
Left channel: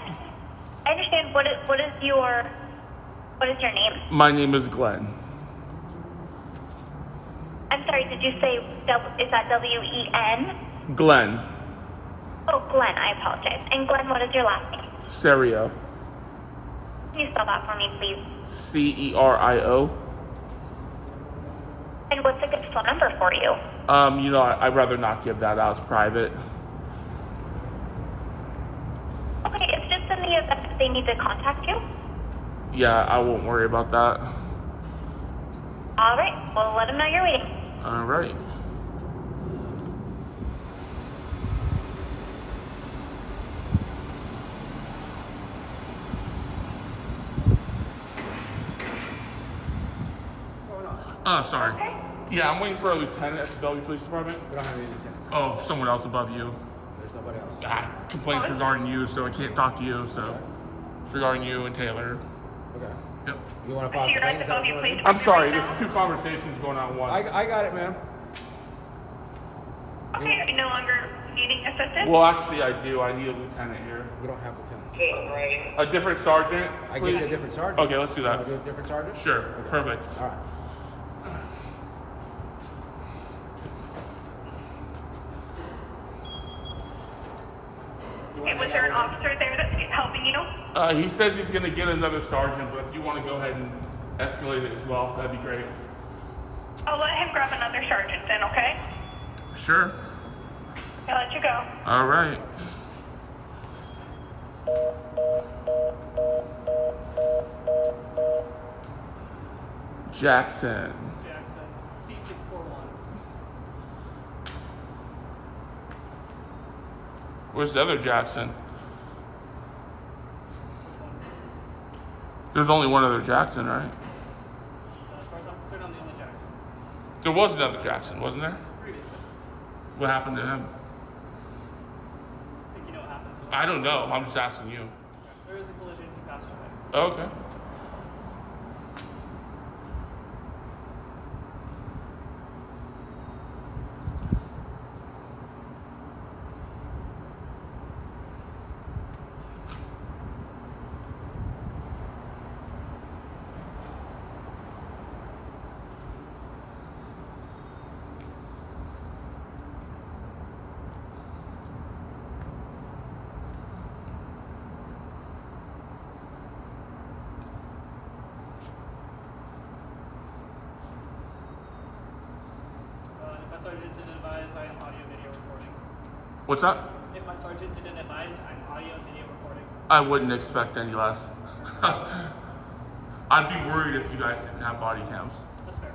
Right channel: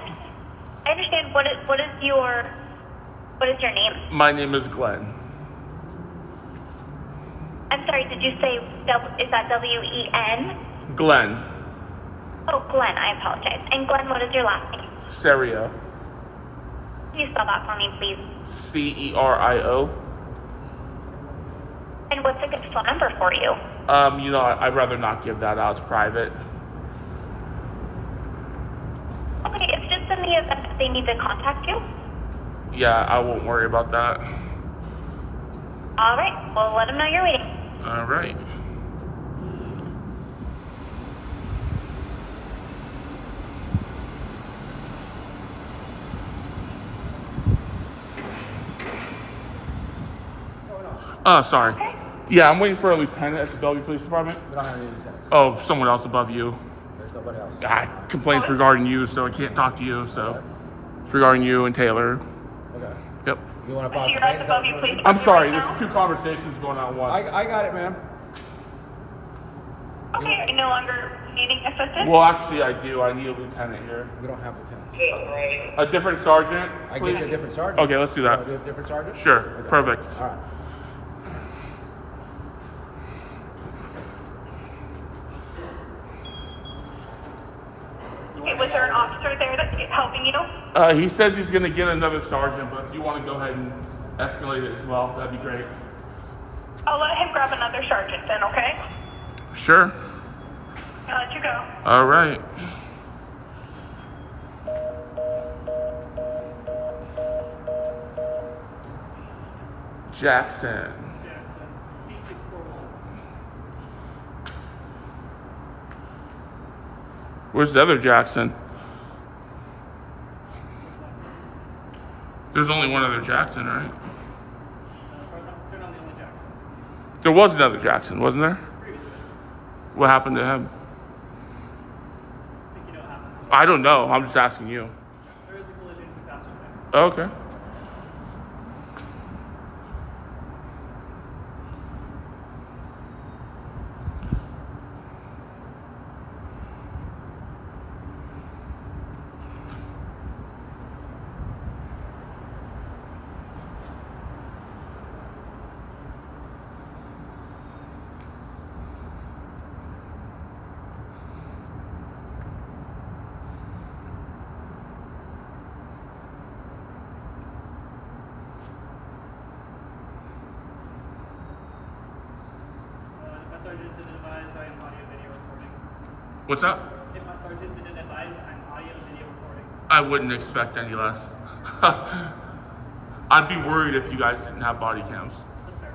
understand. What is your name? My name is Glenn. I'm sorry, did you say, is that W-E-N? Glenn. Oh, Glenn, I apologize. And Glenn, what is your last name? Serio. Can you spell that for me, please? Cerio. And what's a good phone number for you? I'd rather not give that out. It's private. Okay, it's just in the event that they need to contact you. Yeah, I won't worry about that. All right, well, let them know you're waiting. All right. What's going on? Oh, sorry. Yeah, I'm waiting for a lieutenant at the Bellevue Police Department. We don't have any lieutenants. Oh, someone else above you. There's nobody else. Complaints regarding you, so I can't talk to you. So it's regarding you and Taylor. Okay. Yep. You want to file a complaint? Is that what you want to do? I'm sorry. There's two conversations going on at once. I got it, ma'am. Okay, are you no longer needing assistance? Well, actually, I do. I need a lieutenant here. We don't have lieutenants. A different sergeant. I get you a please? different sergeant. Okay, let's do You that. want to do a different sergeant? Sure. Okay. Perfect. All right. Okay, was there an officer there that's helping you? He says he's going to get another sergeant, but if you want to go ahead and escalate it as well, that'd be great. I'll let him grab another sergeant then, okay? Sure. I'll let you go. All right. Jackson. Jackson, D641. Where's the other Jackson? Which one? There's only one other Jackson, right? As far as I'm concerned, I'm the only Jackson. There was another Jackson, wasn't there? Previously. What happened to him? I think you know what happened to him. I don't know. I'm just asking you. There was a collision, he passed away. Oh, okay. If my sergeant didn't advise, I am audio video recording. What's up? If my sergeant didn't advise, I'm audio video recording. I wouldn't expect any less. I'd be worried if you guys didn't have body cams. That's fair.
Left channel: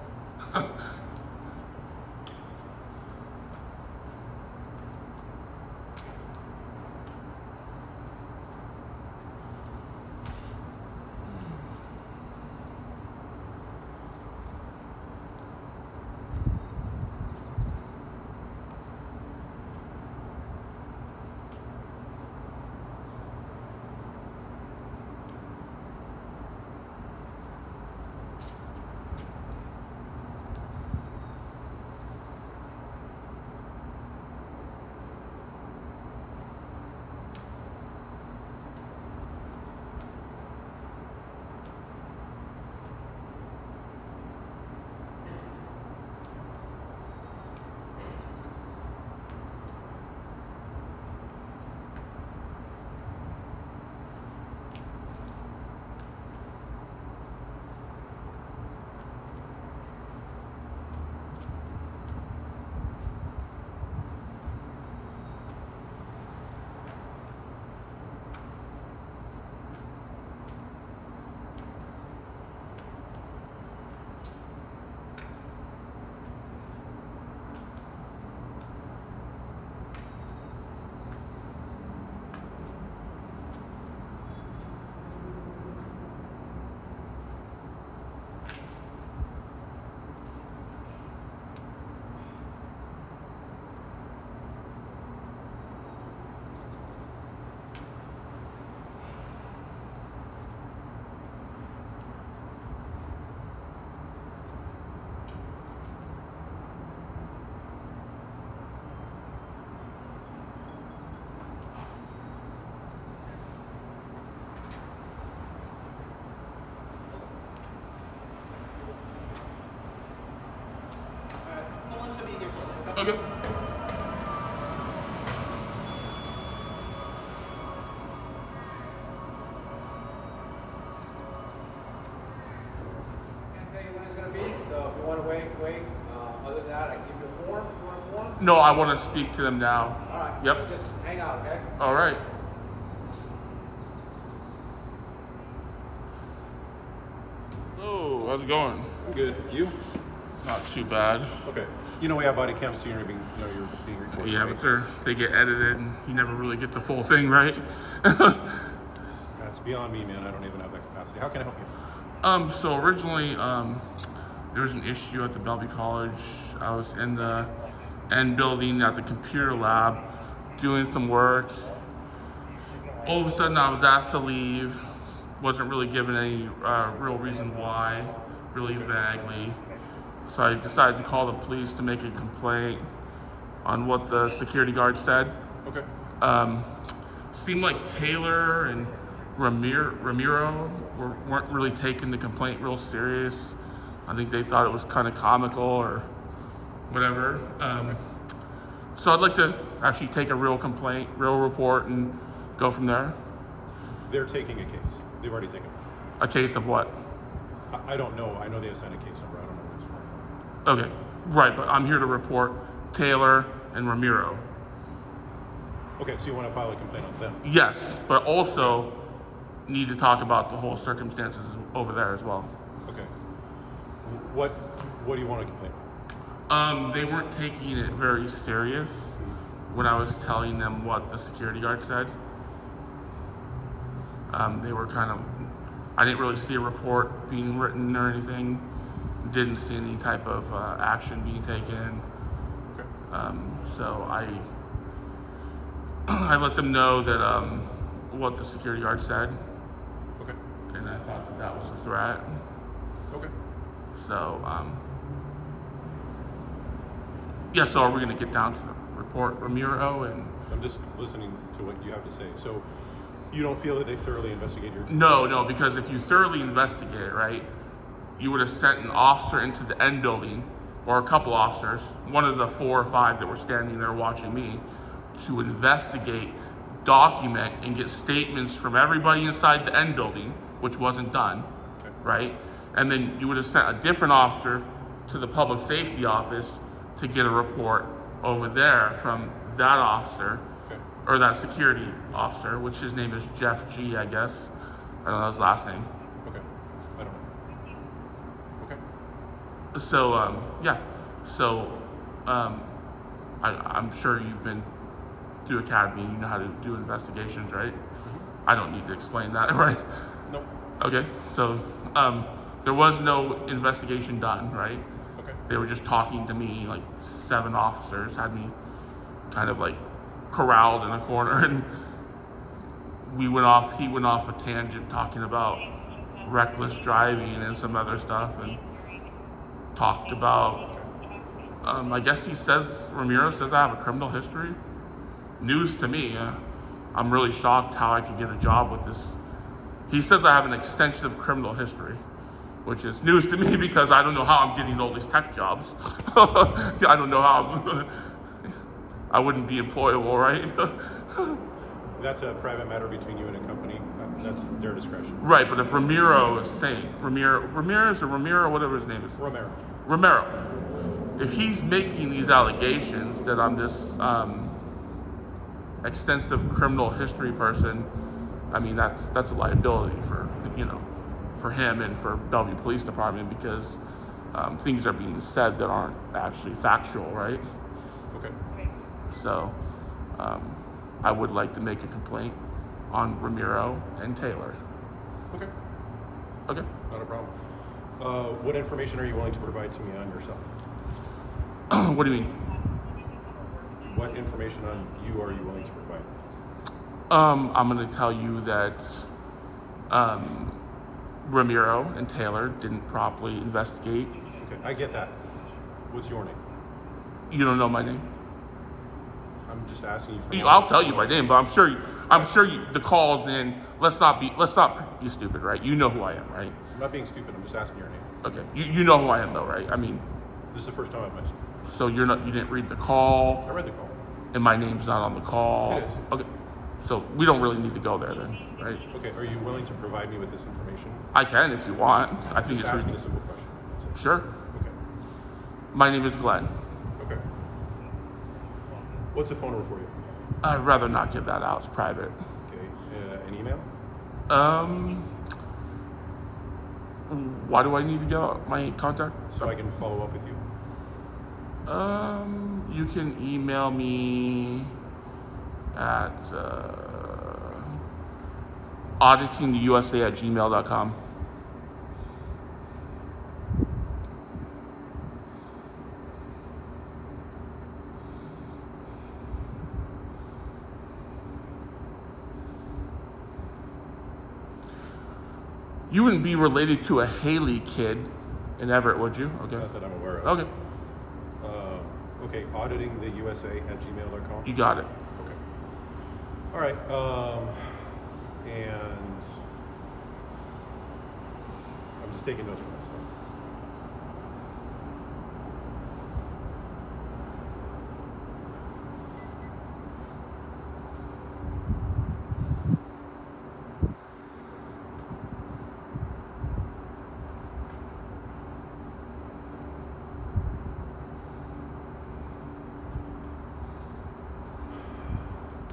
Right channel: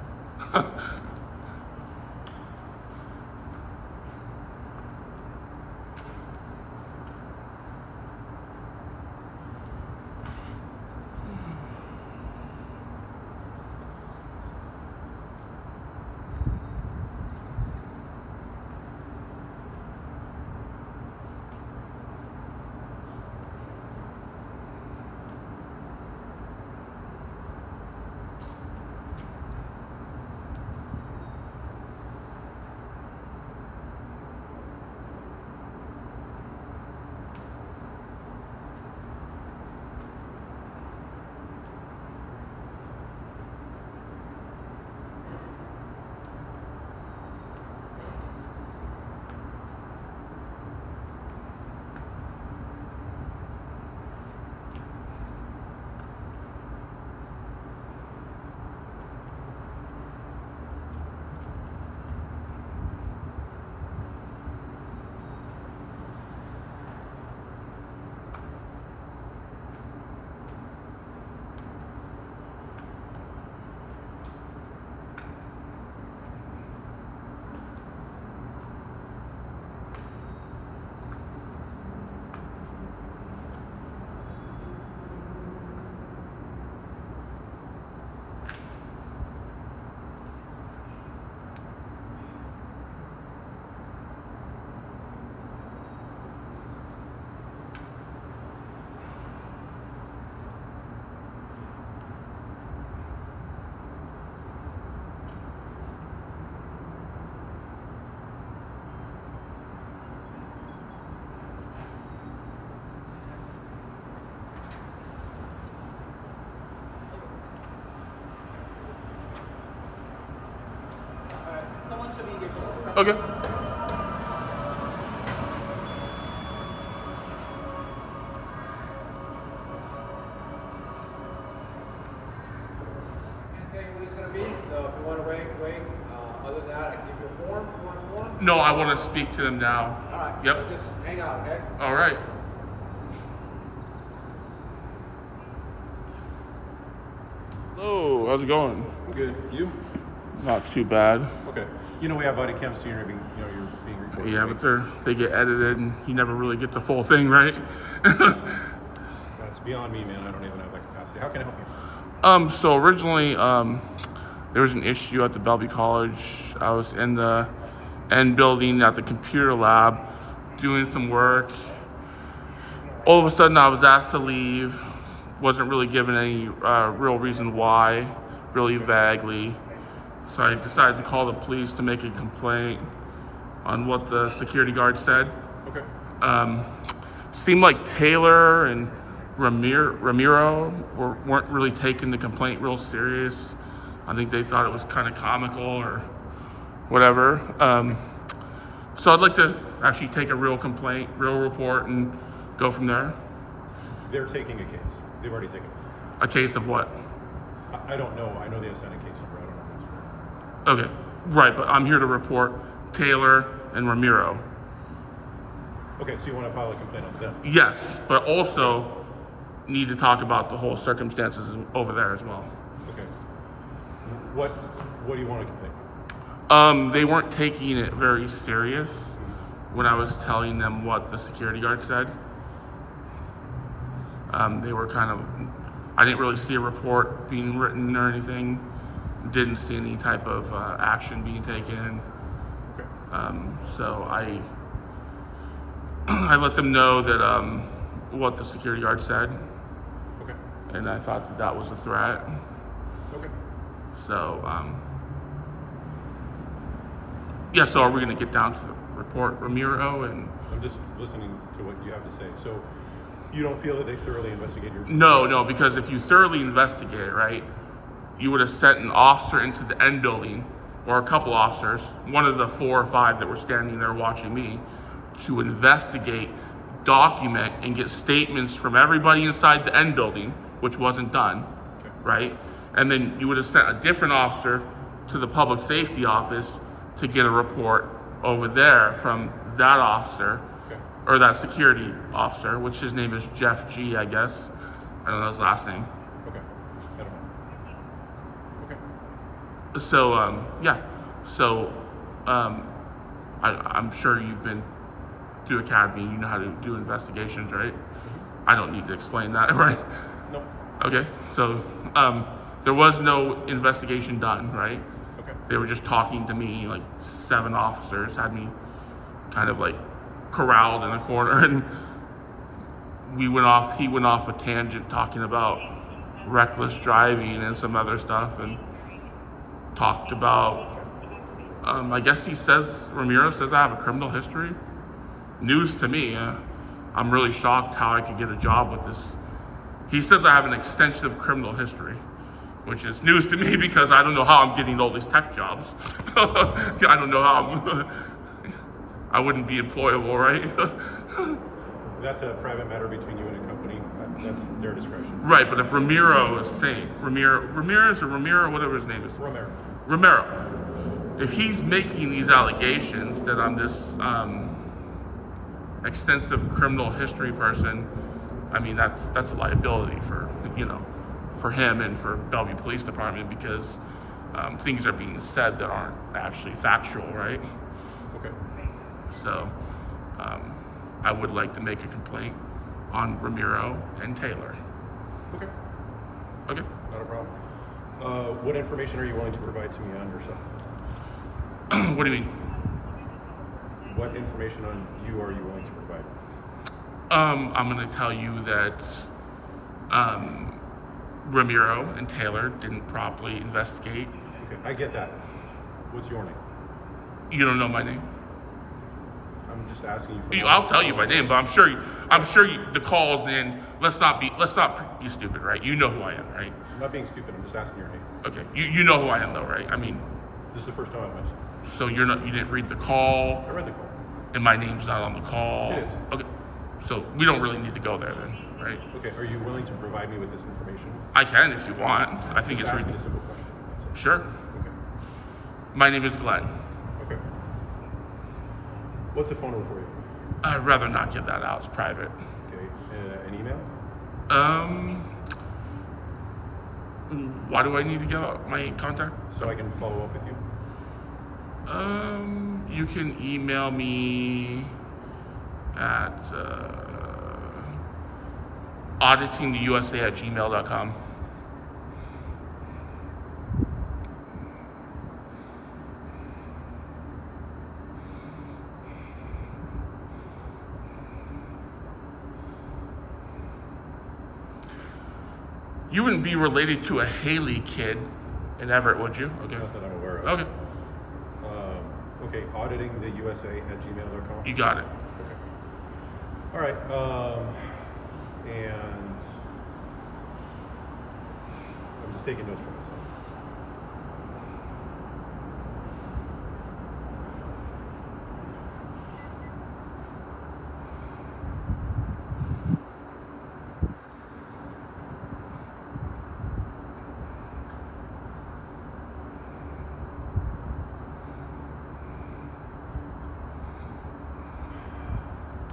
should be here shortly. Okay. Can't tell you when it's gonna be, so if you wanna wait. Other than that, I can give you a form, if you want a form. No, I want to speak to them now. Alright. Yep. So just hang out, okay? All right. Hello, how's it going? Good. You? Not too bad. Okay. You know we have body cams, so you're being recorded. Yeah, right? but they get edited, and you never really get the full thing, right? That's beyond me, man. I don't even have that capacity. How can I help you? So originally, there was an issue at the Bellevue College. I was in the end building at the computer lab doing some work. All of a sudden, I was asked to leave. Wasn't really given any real reason why, really vaguely. So I decided to call the police to make a complaint on what the security guard said. Okay. Seemed like Taylor and Ramiro weren't really taking the complaint real serious. I think they thought it was kind of comical or whatever. So I'd like to actually take a real complaint, real report, and go from there. They're taking a case. They've already taken it. A case of what? I don't know. I know they assigned a case number. I don't know what it's for. Okay, right, but I'm here to report Taylor and Ramiro. Okay, so you want to file a complaint on them? Yes, but also need to talk about the whole circumstances over there as well. Okay. What do you want to complain about? They weren't taking it very serious when I was telling them what the security guard said. They were kind of, I didn't really see a report being written or anything. Didn't see any type of action being taken. Okay. So I let them know that what the security guard said, Okay. and I thought that was a threat. Okay. So yeah. So are we gonna get down to the report Ramiro and? I'm just listening to what you have to say. So you don't feel that they thoroughly investigated your? No, because if you thoroughly investigate it, right, you would have sent an officer into the end building, or a couple officers, one of the 4 or 5 that were standing there watching me, to investigate, document, and get statements from everybody inside the end building, which wasn't done, Okay. right? And then you would have sent a different officer to the public safety office to get a report over there from that officer, Okay. or that security officer, which his name is Jeff G, I guess. I don't know his last name. Okay. I don't know. Okay. So, yeah. So, I'm sure you've been through academy, you know how to do investigations, right? I don't need to explain that, right? No. Okay, so, there was no investigation done, right? Okay. They were just talking to me, like 7 officers had me kind of like corralled in a corner, and he went off a tangent talking about reckless driving and some other stuff, and talked about, I guess Ramiro says I have a criminal history. News to me. I'm really shocked how I could get a job with this. He says I have an extensive criminal history, which is news to me because I don't know how I'm getting all these tech jobs. I don't know how I wouldn't be employable, right? That's a private matter between you and a company. That's their discretion. Right, but if Ramiro is saying, Ramirez or Ramiro, whatever his name is, Romero, if he's making these allegations that I'm this extensive criminal history person, I mean, that's a liability for him and for Bellevue Police Department, because things are being said that aren't actually factual, right? Okay. So I would like to make a complaint on Ramiro and Taylor. Okay. Okay. Not a problem. What information are you willing to provide to me on yourself? What do you mean? What information on you are you willing to provide? I'm going to tell you that Ramiro and Taylor didn't properly investigate. Okay, I get that. What's your name? You don't know my name? I'm just asking you for. I'll tell you my name, but I'm sure the calls. Then let's not be stupid, right? You know who I am, right? I'm not being stupid. I'm just asking your name. Okay, you know who I am though, right? I mean, This is the first time I've mentioned. So you didn't read the call, I read the call. and my name's not on the call. It is. Okay. So we don't really need to go there then, right? Okay, are you willing to provide me with this information? I can if you want. I think Just it's asking a simple question. That's it. sure. Okay. My name is Glenn. Okay. What's a phone number for you? I'd rather not give that out. It's private. Okay. An email? Why do I need to give out my contact? So I can follow up with you? You can email me at auditingtheusa@gmail.com. You wouldn't be related to a Haley kid in Everett, would you? Okay. Not that I'm aware of. Okay. Okay, auditingtheusa@gmail.com? You got it. Okay. All right. And I'm just taking notes for myself.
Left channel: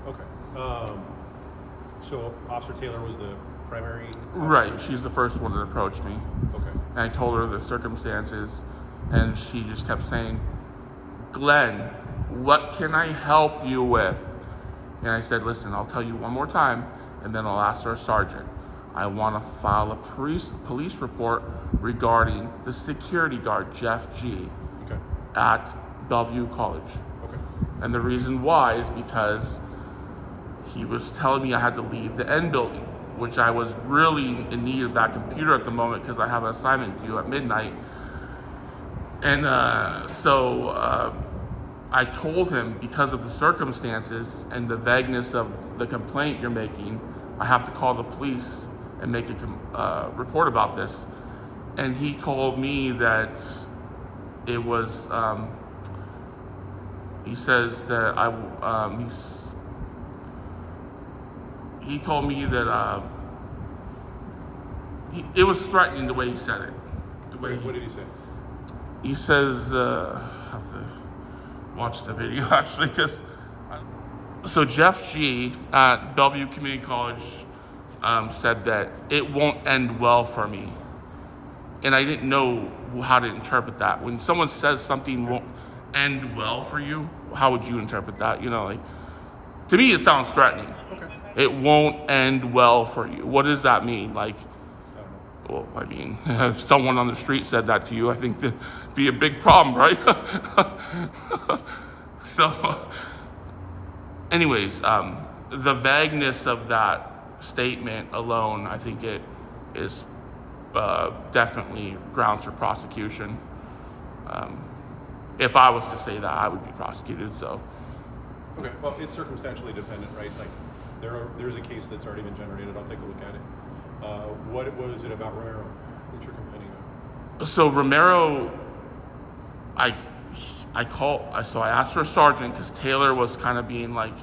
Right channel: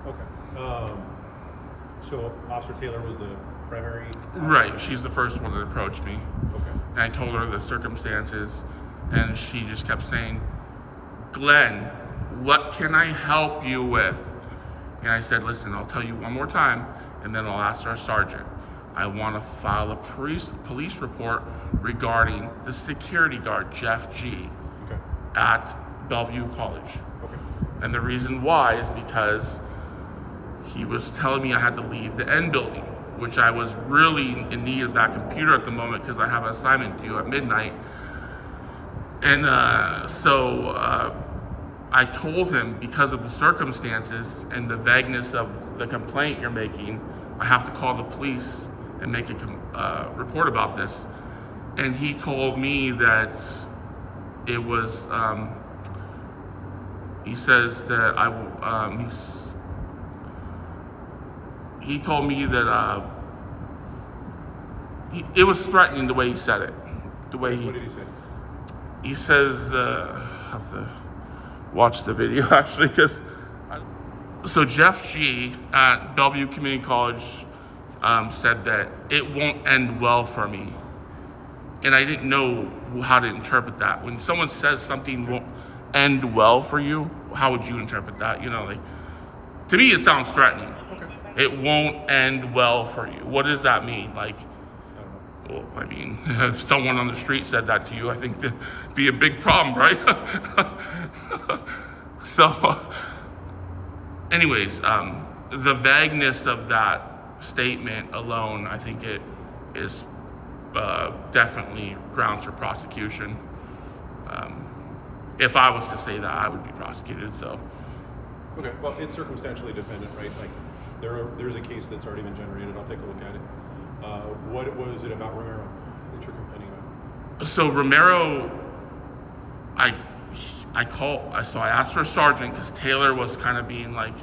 Okay. So Officer Taylor was the primary? Right. She's the first one that approached me. Okay. And I told her the circumstances, and she just kept saying, Glenn, what can I help you with? And I said, listen, I'll tell you one more time, and then I'll ask our sergeant. I want to file a police report regarding the security guard, Jeff G, Okay. at Bellevue College. Okay. And the reason why is because he was telling me I had to leave the N building, which I was really in need of that computer at the moment because I have an assignment due at midnight. And so I told him, because of the circumstances and the vagueness of the complaint you're making, I have to call the police and make a report about this. And he told me that it was, he says that he told me that it was threatening the way he said it. The way What did he say? he says, I have to watch the video actually, because so Jeff G at Bellevue Community College said that it won't end well for me. And I didn't know how to interpret that. When someone says something won't end well for you, how would you interpret that? You know, like, to me it sounds threatening. Okay. It won't end well for you. What does that mean? Like, I don't know. well, I mean, if someone on the street said that to you, I think it'd be a big problem, right? So, anyways, the vagueness of that statement alone, I think it is definitely grounds for prosecution. If I was to say that, I would be prosecuted, so. Okay, well, it's circumstantially dependent, right? Like, there's a case that's already been generated. I'll take a look at it. What was it about Romero that you're complaining about? So Romero, I asked for a sergeant because Taylor was kind of being like,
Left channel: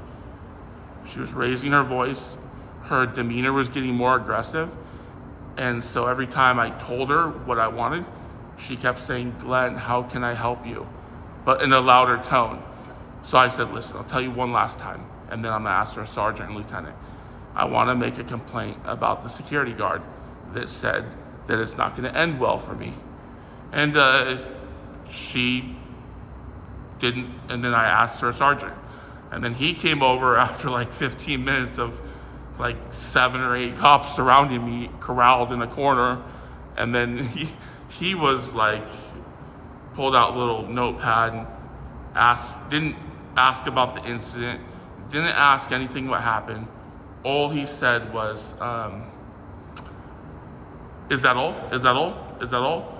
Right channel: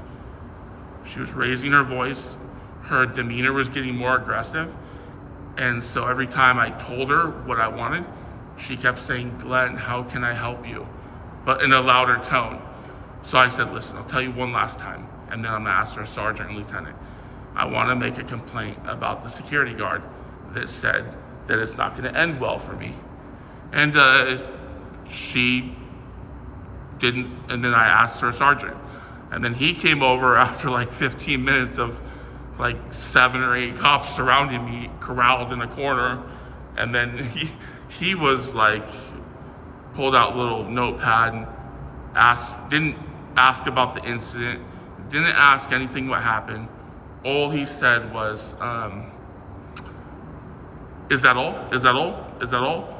she was raising her voice, her demeanor was getting more aggressive, and so every time I told her what I wanted, she kept saying, Glenn, how can I help you? But in a louder tone. So I said, listen, I'll tell you one last time, and then I'm gonna ask her sergeant and lieutenant. I wanna make a complaint about the security guard that said that it's not gonna end well for me. And she didn't, and then I asked her sergeant. And then he came over after like 15 minutes of like 7 or 8 cops surrounding me, corralled in a corner. And then he was like, pulled out a little notepad and didn't ask about the incident, didn't ask anything what happened. All he said was, is that all? Is that all? Is that all?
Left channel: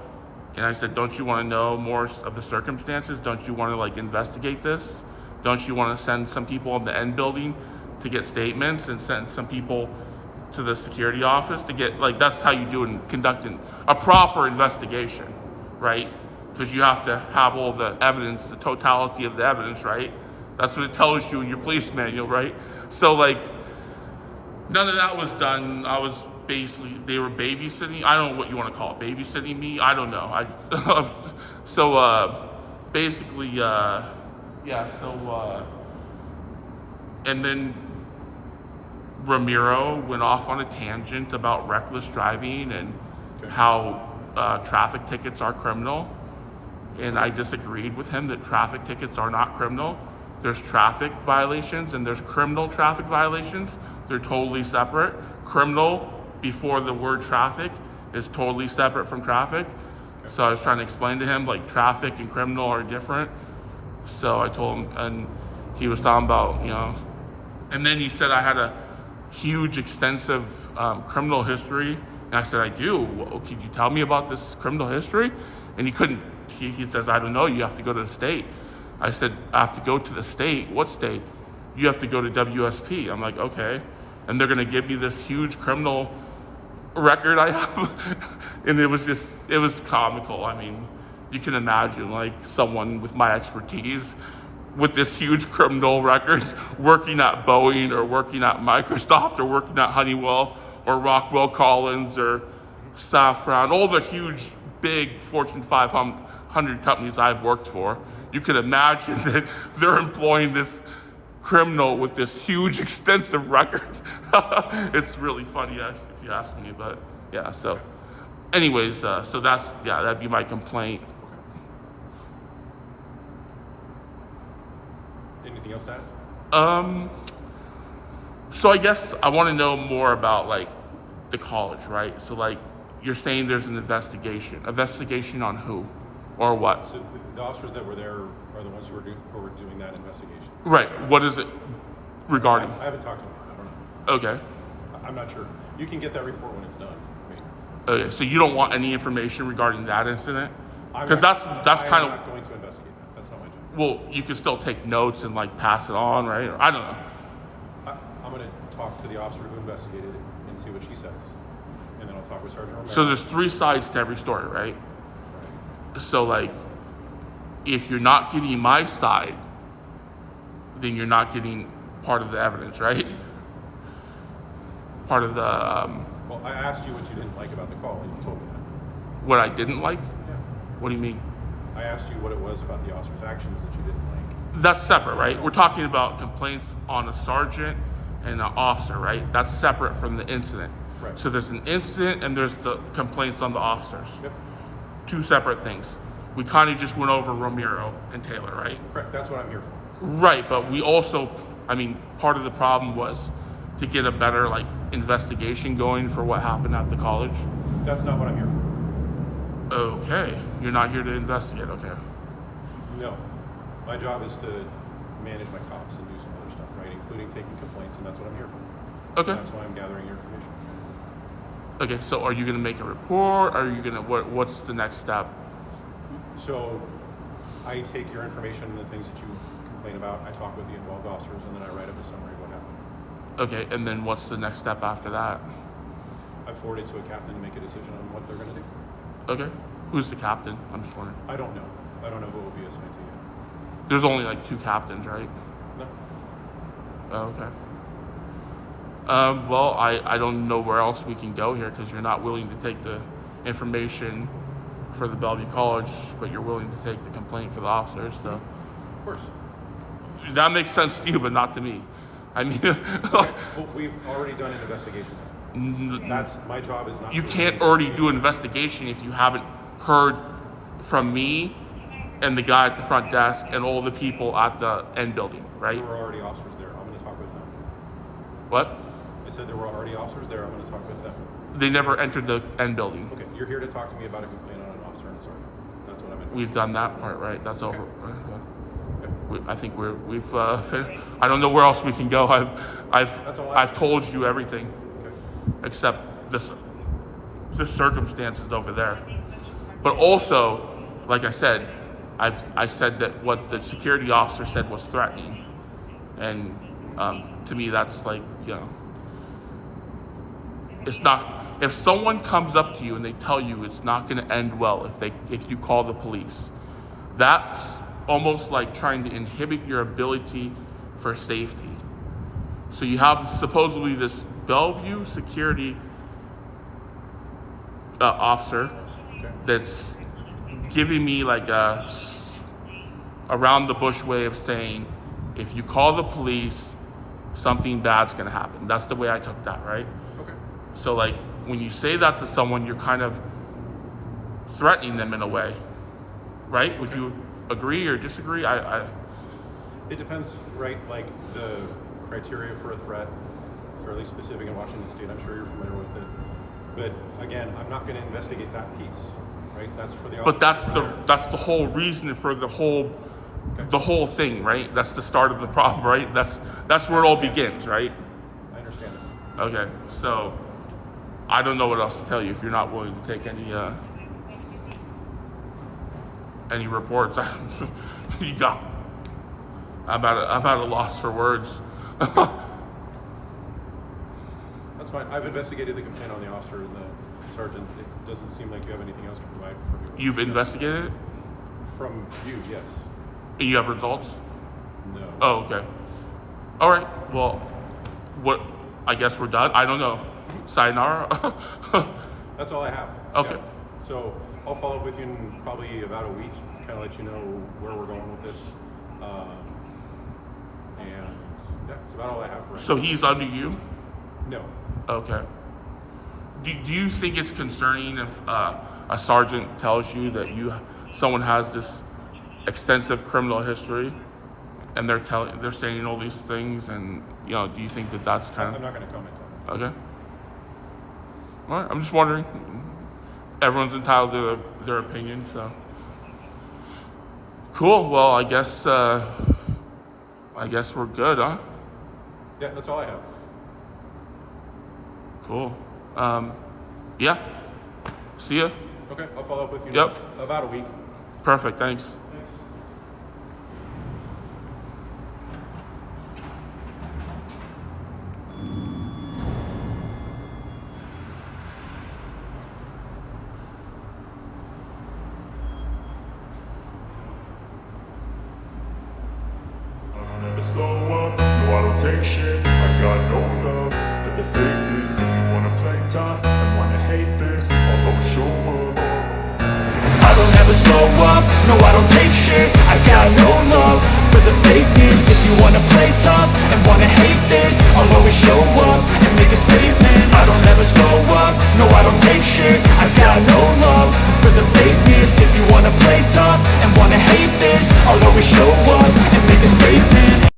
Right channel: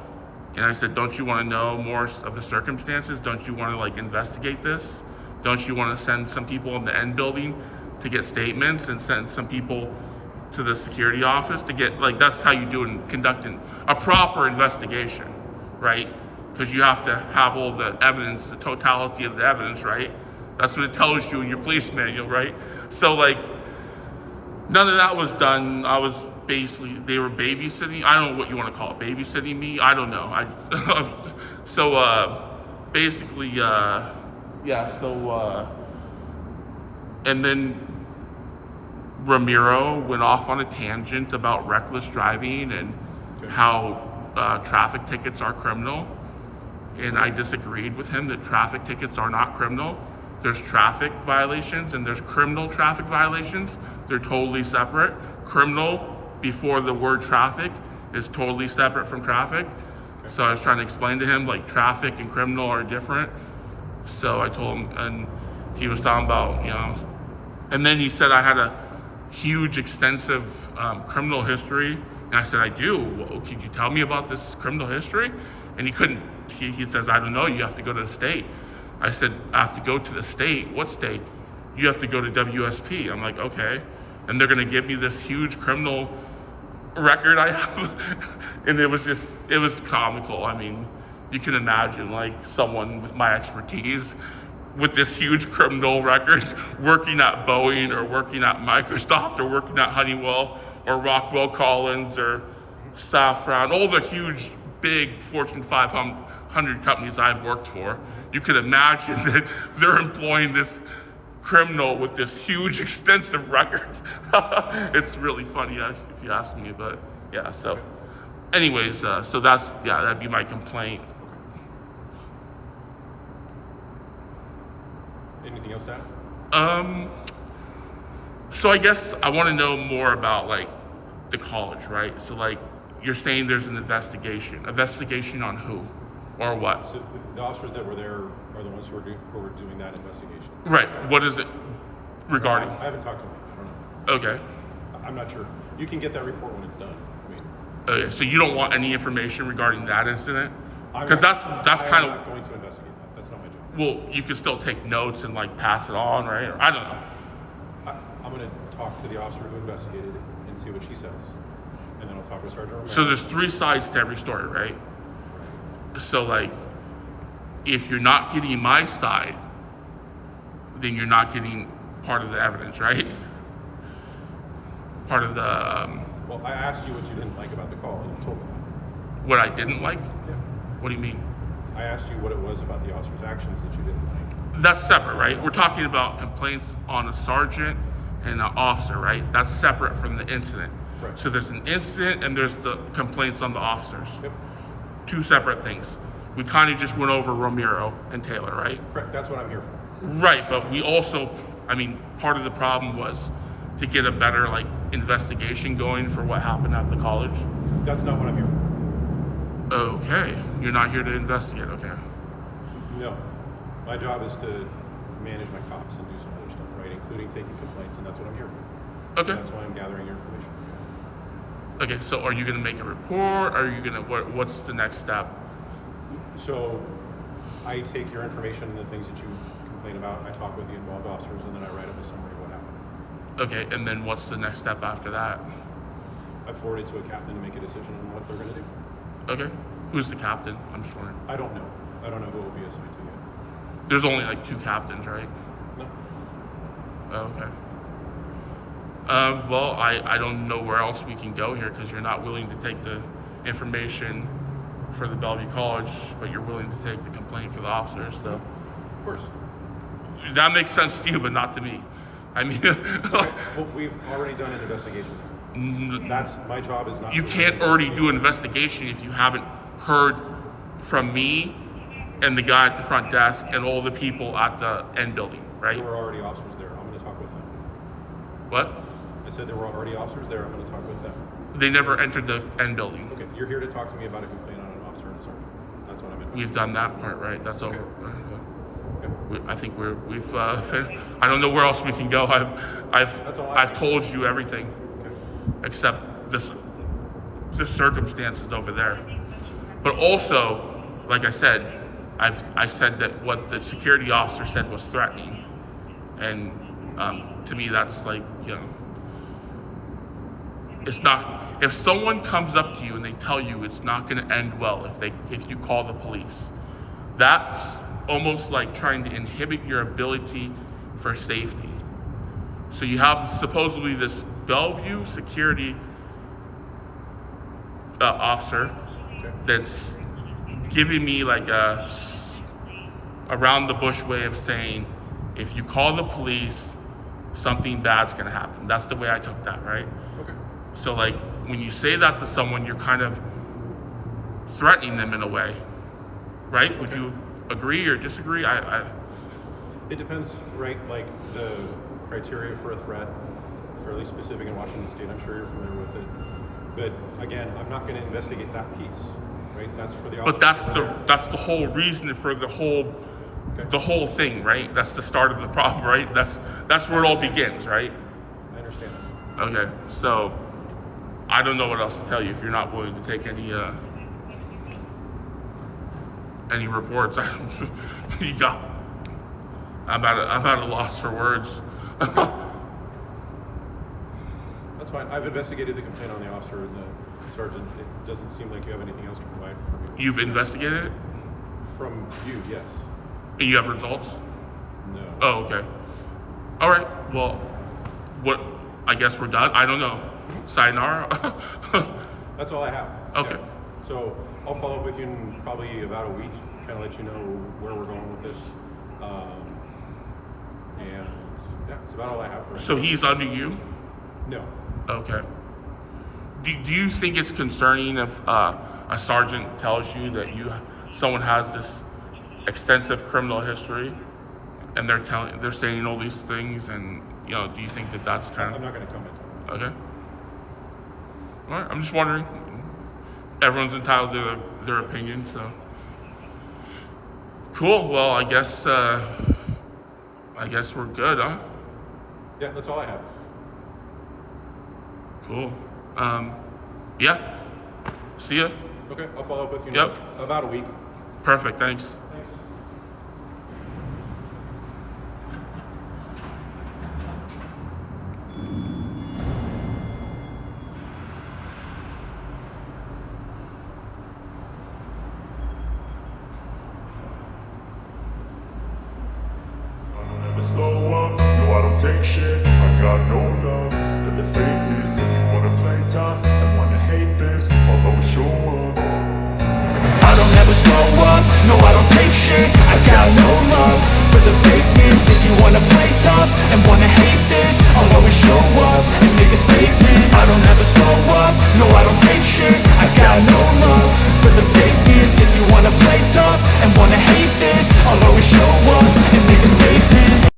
And I said, don't you want to know more of the circumstances? Don't you want to like investigate this? Don't you want to send some people in the N building to get statements and send some people to the security office to get, like, that's how you do in conducting a proper investigation, right? because you have to have all the evidence, the totality of the evidence, right? That's what it tells you in your police manual, right? So like, none of that was done. I was basically, they were babysitting. I don't know what you want to call it, babysitting me. I don't know. Basically, yeah. So and then Ramiro went off on a tangent about reckless driving and how traffic tickets are criminal. And I disagreed with him that traffic tickets are not criminal. There's traffic violations and there's criminal traffic violations. They're totally separate. Criminal before the word traffic is totally separate from traffic. So I was trying to explain to him like traffic and criminal are different. So I told him, and he was talking about, you know, and then he said I had a huge, extensive criminal history. And I said, I do. Well, could you tell me about this criminal history? And he couldn't. He says, I don't know. You have to go to the state. I said, I have to go to the state. What state? You have to go to WSP. I'm like, okay. And they're going to give me this huge criminal record I have. And it was comical. I mean, you can imagine like someone with my expertise with this huge criminal record working at Boeing or working at Microsoft or working at Honeywell or Rockwell Collins or Safran, all the huge, big Fortune 500 companies I've worked for. You can imagine that they're employing this criminal with this huge, extensive record. It's really funny, actually, if you ask me, but yeah, so. Anyways, so that'd be my complaint. Anything else to add? So I guess I want to know more about like the college, right? So like you're saying there's an investigation. Investigation on who or what? So the officers that were there are the ones who were doing that investigation. Right. What is it regarding? I haven't talked to them yet. I don't know. Okay. I'm not sure. You can get that report when it's done. I mean, Okay. So you don't want any information regarding that incident? I'm Because not- that's kind I'm of, not going to investigate that. That's not my job. well, you can still take notes and like pass it on, right? I don't know. I'm going to talk to the officer who investigated it and see what she says, and then I'll talk with Sergeant Romero. So there's 3 sides to every story, right? Right. So like, if you're not getting my side, then you're not getting part of the evidence, right? Part of the, Well, I asked you what you didn't like about the call, and you told me that. what I didn't like? Yeah. What do you mean? I asked you what it was about the officer's actions that you didn't like. That's separate, right? We're talking about complaints on a sergeant and an officer, right? That's separate from the incident. Right. So there's an incident and there's the complaints on the officers. Yep. 2 separate things. We kind of just went over Ramiro and Taylor, right? Correct. That's what I'm here for. Right, but we also, I mean, part of the problem was to get a better like investigation going for what happened at the college. That's not what I'm here for. Okay, you're not here to investigate, okay. No. My job is to manage my cops and do some other stuff, right? Including taking complaints, and that's what I'm here for. Okay. And that's why I'm gathering your information. Okay, so are you gonna make a report? Are you gonna, what's the next step? So I take your information and the things that you complain about, I talk with the involved officers, and then I write up a summary of what happened. Okay, and then what's the next step after that? I forward it to a captain to make a decision on what they're gonna do. Okay, who's the captain? I'm just wondering. I don't know. I don't know who will be assigned to yet. There's only like 2 captains, right? No. Oh, okay. Well, I don't know where else we can go here because you're not willing to take the information for the Bellevue College, but you're willing to take the complaint for the officers. So Of course. that makes sense to you, but not to me. I mean, Okay. Well, we've already done an investigation there. That's my job is not. you to can't do already do an investigation if you haven't heard from me and the guy at the front desk and all the people at the end building, right? There were already officers there. I'm going to talk with them. What? I said there were already officers there. I'm going to talk with them. They never entered the end building. Okay. You're here to talk to me about a complaint on an officer and a sergeant. That's what I'm in. We've done that part, right? That's over. Yep. I think we've. I don't know where else we can go. That's all I I've told you everything Okay. except the circumstances over there. But also, like I said, I said that what the security officer said was threatening, and to me that's like, you know, It's not. If someone comes up to you and they tell you it's not going to end well if you call the police, that's almost like trying to inhibit your ability for safety. So you have supposedly this Bellevue security officer that's giving me like a around the bush way of saying, if you call the police, something bad's gonna happen. That's the way I took that, right? Okay. So like when you say that to someone, you're kind of threatening them in a way, right? Would you agree or disagree? It depends, right? Like the criteria for a threat, fairly specific in Washington State. I'm sure you're familiar with it. But again, I'm not going to investigate that piece, right? That's for the officers. But that's the whole reason for the whole thing, right? That's the start of the problem, right? That's where it all begins, right? I understand that. Okay, so I don't know what else to tell you if you're not willing to take any reports. You got. I'm at a loss for words. That's fine. I've investigated the complaint on the officer and the sergeant. It doesn't seem like you have anything else to provide for me. You've investigated it? From you, yes. You have results? No. Oh, okay. All right. Well, what? I guess we're done. I don't know. Sayonara. That's all I have. Okay. Yeah. So I'll follow up with you in probably about a week, kind of let you know where we're going with this. And yeah, that's about all I have for right So now. he's under you? No. Okay. Do you think it's concerning if a sergeant tells you that someone has this extensive criminal history, and they're saying all these things, and do you think that that's kind I'm of not going to comment on that. okay? All right. I'm just wondering. Everyone's entitled to their opinion, so cool. Well, I guess we're good, huh? Yeah, that's all I have. Cool. Yeah. See ya. Okay, I'll follow up with you Yep. in about a week. Perfect. Thanks. Thanks. Never slow up, no I don't take shit. I got no love for the fakeness. If you wanna play tough and wanna hate this, I'll always show up. I don't ever slow up, no I don't take shit. I got no love for the fakeness. If you wanna play tough and wanna hate this, I'll always show